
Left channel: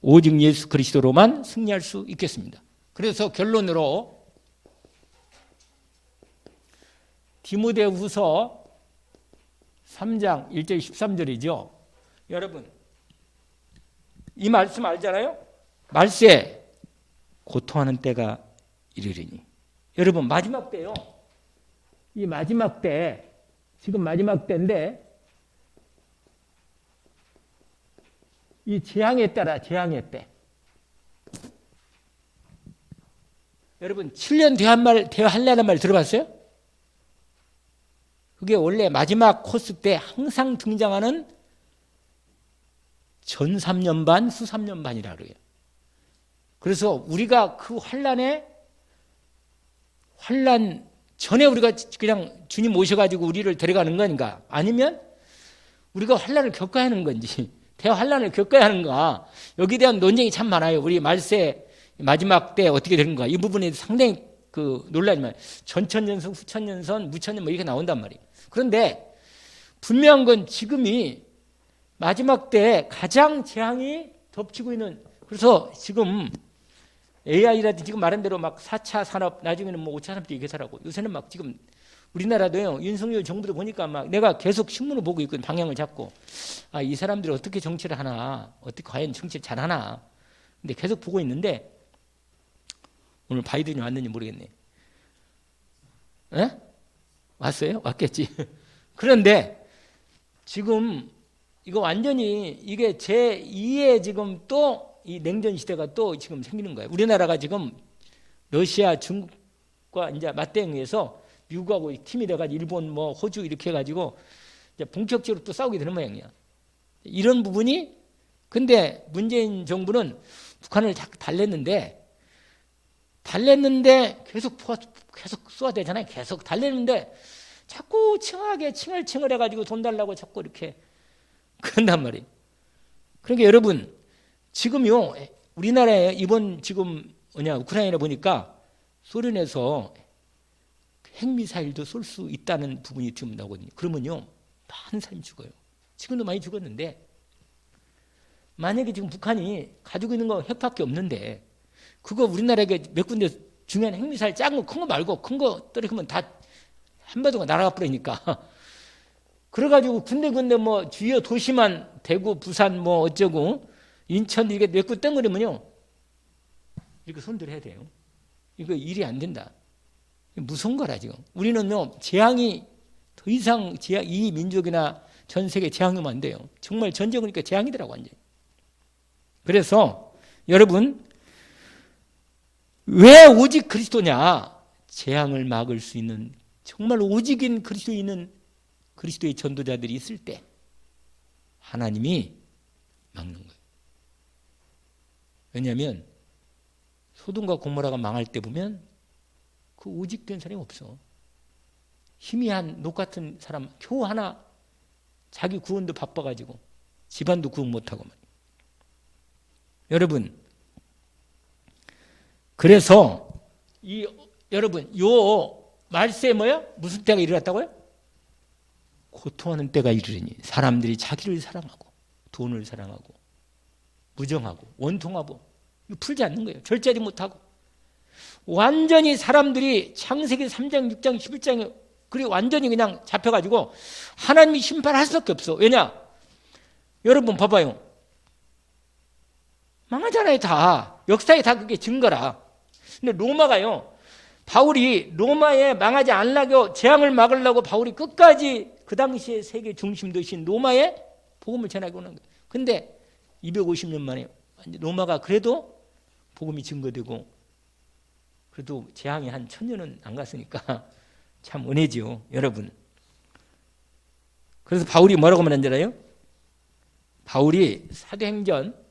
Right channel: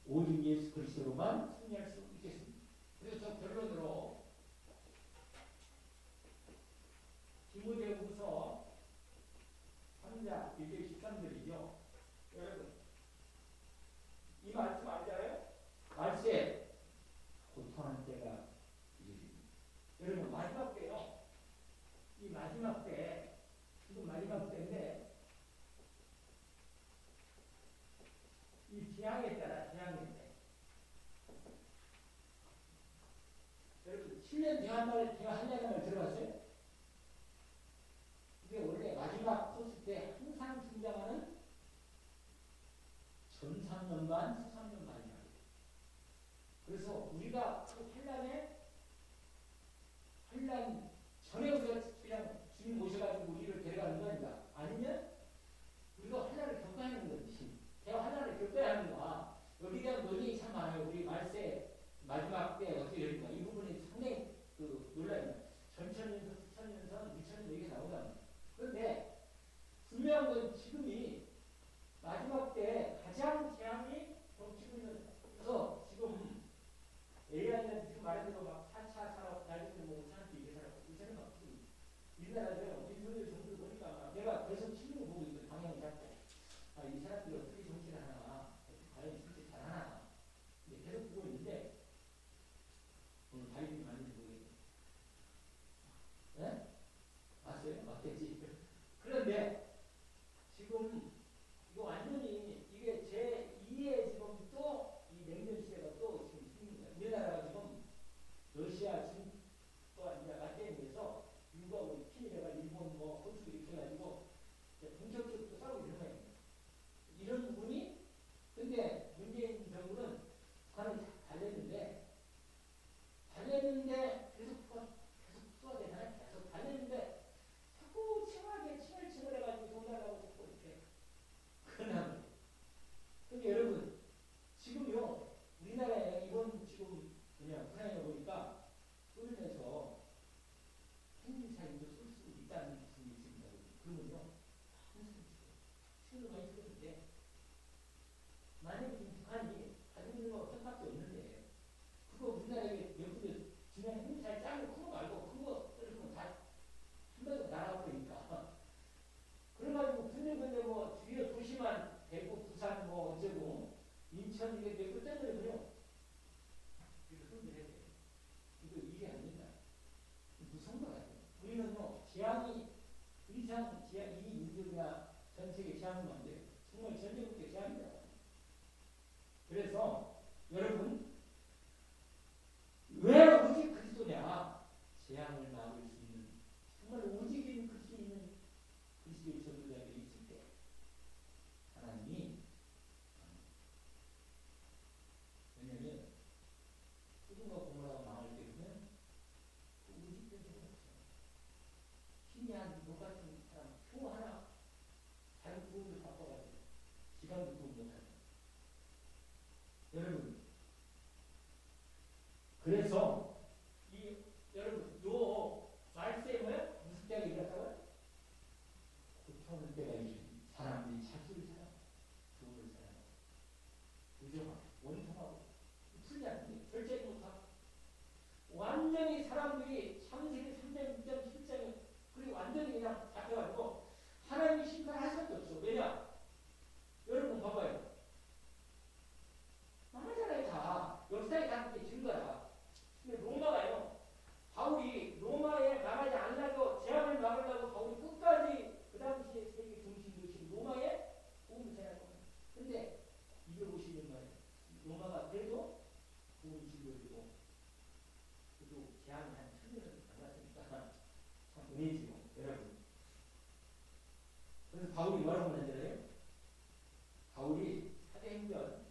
오직 예수 그리스도로만 승리할 수 있겠습니다. 그래서 결론으로 디모데후서 3장 1절 13절이죠. 여러분, 이 말씀 알잖아요? 말세 고통하는 때가 이르리니. 여러분, 마지막 때요. 이 마지막 때, 지금 마지막 때인데 이 재앙의 때라, 재앙의 때. 여러분, 7년 대환란이라는 말 들어봤어요? 그게 원래 마지막 코스 때 항상 등장하는 전 3년 반, 수 3년 반이라고 그래요. 그래서 우리가 그 환란 전에 우리가 그냥 주님 모셔가지고 우리를 데려가는 건가? 아니면 우리가 환란을 겪어야 하는 건지, 대환란을 겪어야 하는가? 여기에 대한 논쟁이 참 많아요. 우리 말세 마지막 때 어떻게 되는가? 이 부분에 상당히 놀라지만 전천년선, 후천년선, 무천년 뭐 이렇게 나온단 말이에요. 그런데 분명한 건 지금이 마지막 때 가장 재앙이 덮치고 있는, 그래서 지금 AI라든지 지금 말한 대로 막 4차 산업, 나중에는 뭐 5차 산업도 얘기하라고. 요새는 막 지금 우리나라도요, 윤석열 정부도 보니까 막 내가 계속 신문을 보고 있거든, 방향을 잡고. 아, 이 사람들이 어떻게 정치를 하나, 어떻게 과연 정치를 잘 하나. 근데 계속 보고 있는데, 오늘 바이든이 왔는지 모르겠네. 에? 왔어요? 왔겠지. 그런데 지금 이거 완전히 이게 제2의 지금 또 이 냉전 시대가 또 지금 생기는 거예요. 우리나라가 지금 러시아, 중국과 이제 맞대응해서 미국하고 팀이 돼가지고 일본 뭐 호주 이렇게 해가지고 이제 본격적으로 또 싸우게 되는 모양이야. 이런 부분이 근데 문재인 정부는 북한을 자꾸 달랬는데 계속 쏘아대잖아요. 계속 달랬는데 자꾸 칭하게 칭얼칭얼 해가지고 돈 달라고 자꾸 이렇게 그런단 말이에요. 그러니까 여러분 지금요 우리나라에 이번 지금 우크라이나 보니까 소련에서 핵미사일도 쏠 수 있다는 부분이 지금 나오거든요. 그러면요 많은 사람이 죽어요. 지금도 많이 죽었는데 만약에 지금 북한이 가지고 있는 거 핵밖에 없는데 그거 우리나라에 몇 군데 중요한 핵미사일 작은 거 큰 거 말고 큰 거 떨어지면 다 한반도가 날아가 버리니까 그래가지고 군데 뭐 주요 도시만 대구 부산 뭐 어쩌고 인천 이게 몇 군 땡그리면요 이렇게 손들 해야 돼요. 이거 일이 안 된다. 무서운 거라 지금. 우리는요 재앙이 더 이상 이 민족이나 전 세계 재앙이 오면 안 돼요. 정말 전쟁이니까 재앙이더라고 완전. 그래서 여러분 왜 오직 그리스도냐? 재앙을 막을 수 있는 정말 오직인 그리스도의 전도자들이 있을 때 하나님이 막는 거예요. 왜냐하면 소돔과 고모라가 망할 때 보면 그 오직된 사람이 없어. 희미한 녹 같은 사람 겨우 하나 자기 구원도 바빠가지고 집안도 구원 못하고 여러분 그래서 여러분 요 말세에 뭐야? 무슨 때가 일어났다고요? 고통하는 때가 이르리니 사람들이 자기를 사랑하고 돈을 사랑하고 무정하고 원통하고 이거 풀지 않는 거예요. 절제하지 못하고 완전히 사람들이 창세기 3장 6장 11장에 그리고 완전히 그냥 잡혀가지고 하나님이 심판할 수밖에 없어. 왜냐? 여러분 봐봐요. 망하잖아요 다. 역사에 다 그게 증거라. 근데 로마가요. 바울이 로마에 망하지 않으려고 재앙을 막으려고 바울이 끝까지 그 당시에 세계 중심 도시인 로마에 복음을 전하고 오는 거예요. 근데 250년 만에 로마가 그래도 복음이 증거되고 그래도 재앙이 한 1000년은 안 갔으니까 참 은혜지요 여러분. 그래서 바울이 뭐라고 말한 줄 알아요? 바울이 사도행전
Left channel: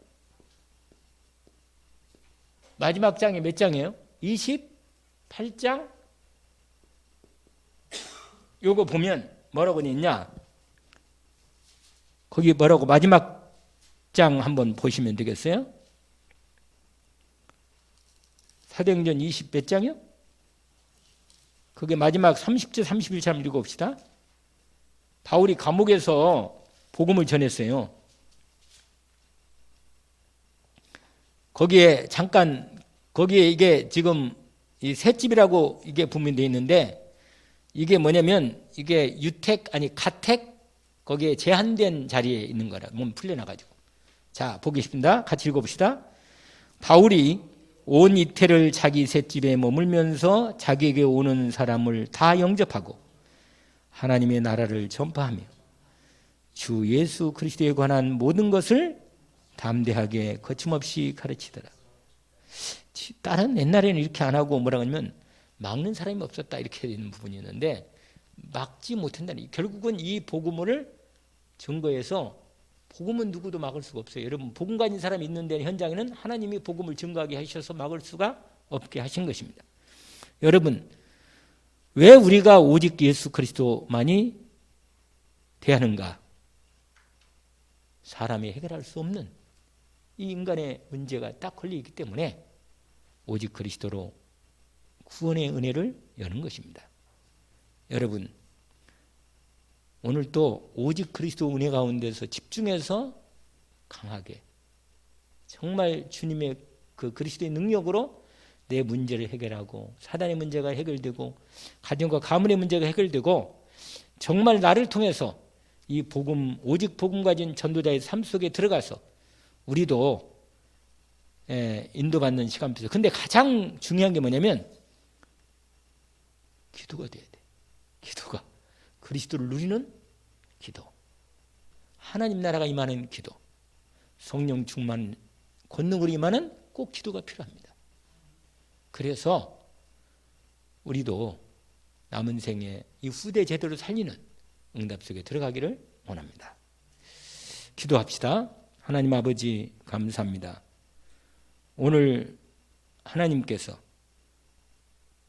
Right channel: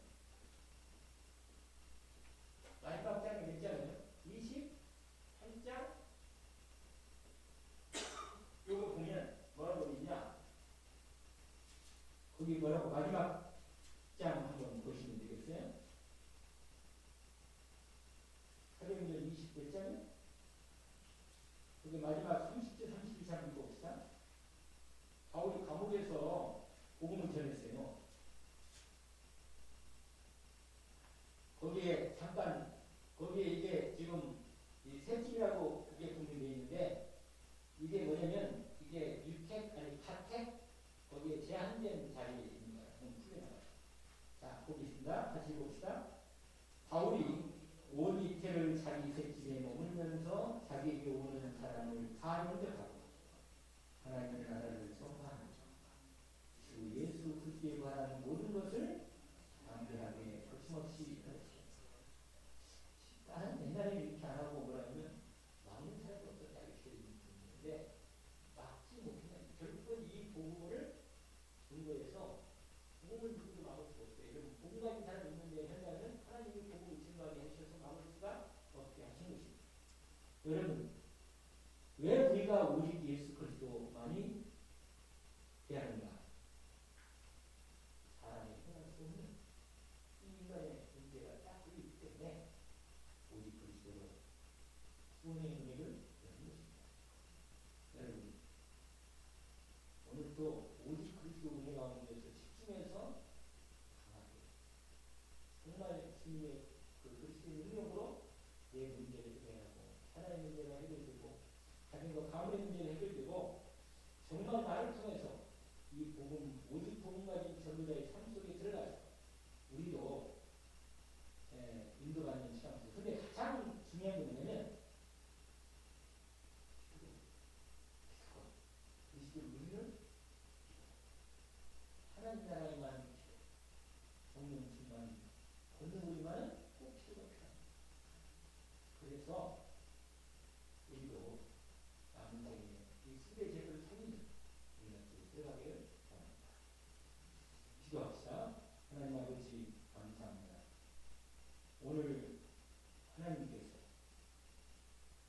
마지막 장이 몇 장이에요? 28장 요거 보면 뭐라고 있냐? 거기 뭐라고 마지막 장 한번 보시면 되겠어요? 사도행전 20 몇 장이요? 그게 마지막 30절 31절 한번 읽어봅시다. 바울이 감옥에서 복음을 전했어요. 거기에 이게 지금 이 셋집이라고 이게 분명히 되어 있는데 이게 뭐냐면 이게 가택 거기에 제한된 자리에 있는 거라 몸 풀려나가지고. 자 보겠습니다. 같이 읽어봅시다. 바울이 온 이태를 자기 셋집에 머물면서 자기에게 오는 사람을 다 영접하고 하나님의 나라를 전파하며 주 예수 그리스도에 관한 모든 것을 담대하게 거침없이 가르치더라. 다른 옛날에는 이렇게 안 하고 뭐라고 하냐면 막는 사람이 없었다 이렇게 되는 부분이 있는데 막지 못한다니. 결국은 이 복음을 증거해서 복음은 누구도 막을 수가 없어요. 여러분 복음 가진 사람이 있는 데 현장에는 하나님이 복음을 증거하게 하셔서 막을 수가 없게 하신 것입니다. 여러분 왜 우리가 오직 예수 그리스도만이 대하는가? 사람이 해결할 수 없는 이 인간의 문제가 딱 걸려있기 때문에 오직 그리스도로 구원의 은혜를 여는 것입니다. 여러분 오늘 또 오직 그리스도 은혜 가운데서 집중해서 강하게 정말 주님의 그 그리스도의 능력으로 내 문제를 해결하고 사단의 문제가 해결되고 가정과 가문의 문제가 해결되고 정말 나를 통해서 이 복음 오직 복음 가진 전도자의 삶 속에 들어가서 우리도 인도받는 시간 필요. 근데 가장 중요한 게 뭐냐면 기도가 돼야 돼. 기도가 그리스도를 누리는 기도, 하나님 나라가 임하는 기도, 성령 충만 권능으로 임하는 꼭 기도가 필요합니다. 그래서 우리도 남은 생에 이 후대 제도를 살리는 응답 속에 들어가기를 원합니다. 기도합시다. 하나님 아버지 감사합니다. 오늘 하나님께서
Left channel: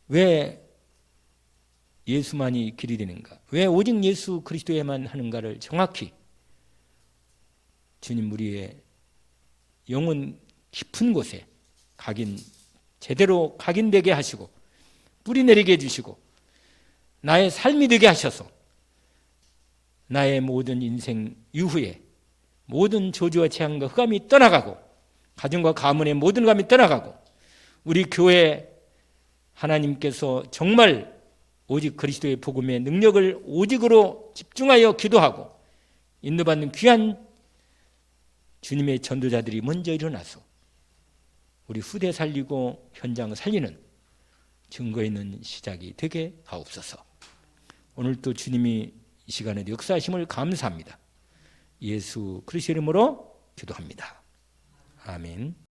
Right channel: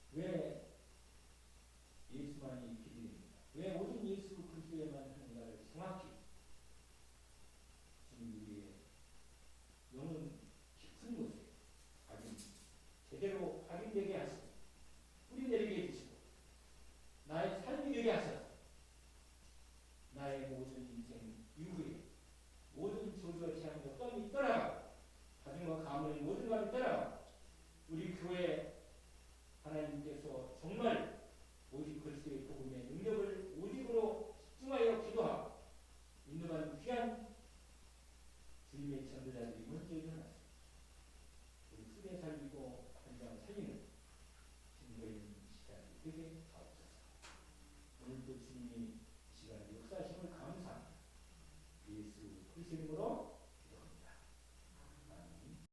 왜 예수만이 길이 되는가, 왜 오직 예수 그리스도에만 하는가를 정확히 주님 우리의 영혼 깊은 곳에 제대로 각인되게 하시고 뿌리 내리게 해주시고 나의 삶이 되게 하셔서 나의 모든 인생 이후에 모든 저주와 재앙과 흑암이 떠나가고 가정과 가문의 모든 흑암이 떠나가고 우리 교회 하나님께서 정말 오직 그리스도의 복음의 능력을 오직으로 집중하여 기도하고 인도받는 귀한 주님의 전도자들이 먼저 일어나서 우리 후대 살리고 현장 살리는 증거 있는 시작이 되게 하옵소서. 오늘도 주님이 이 시간에도 역사하심을 감사합니다. 예수 그리스도 이름으로 기도합니다. 아멘.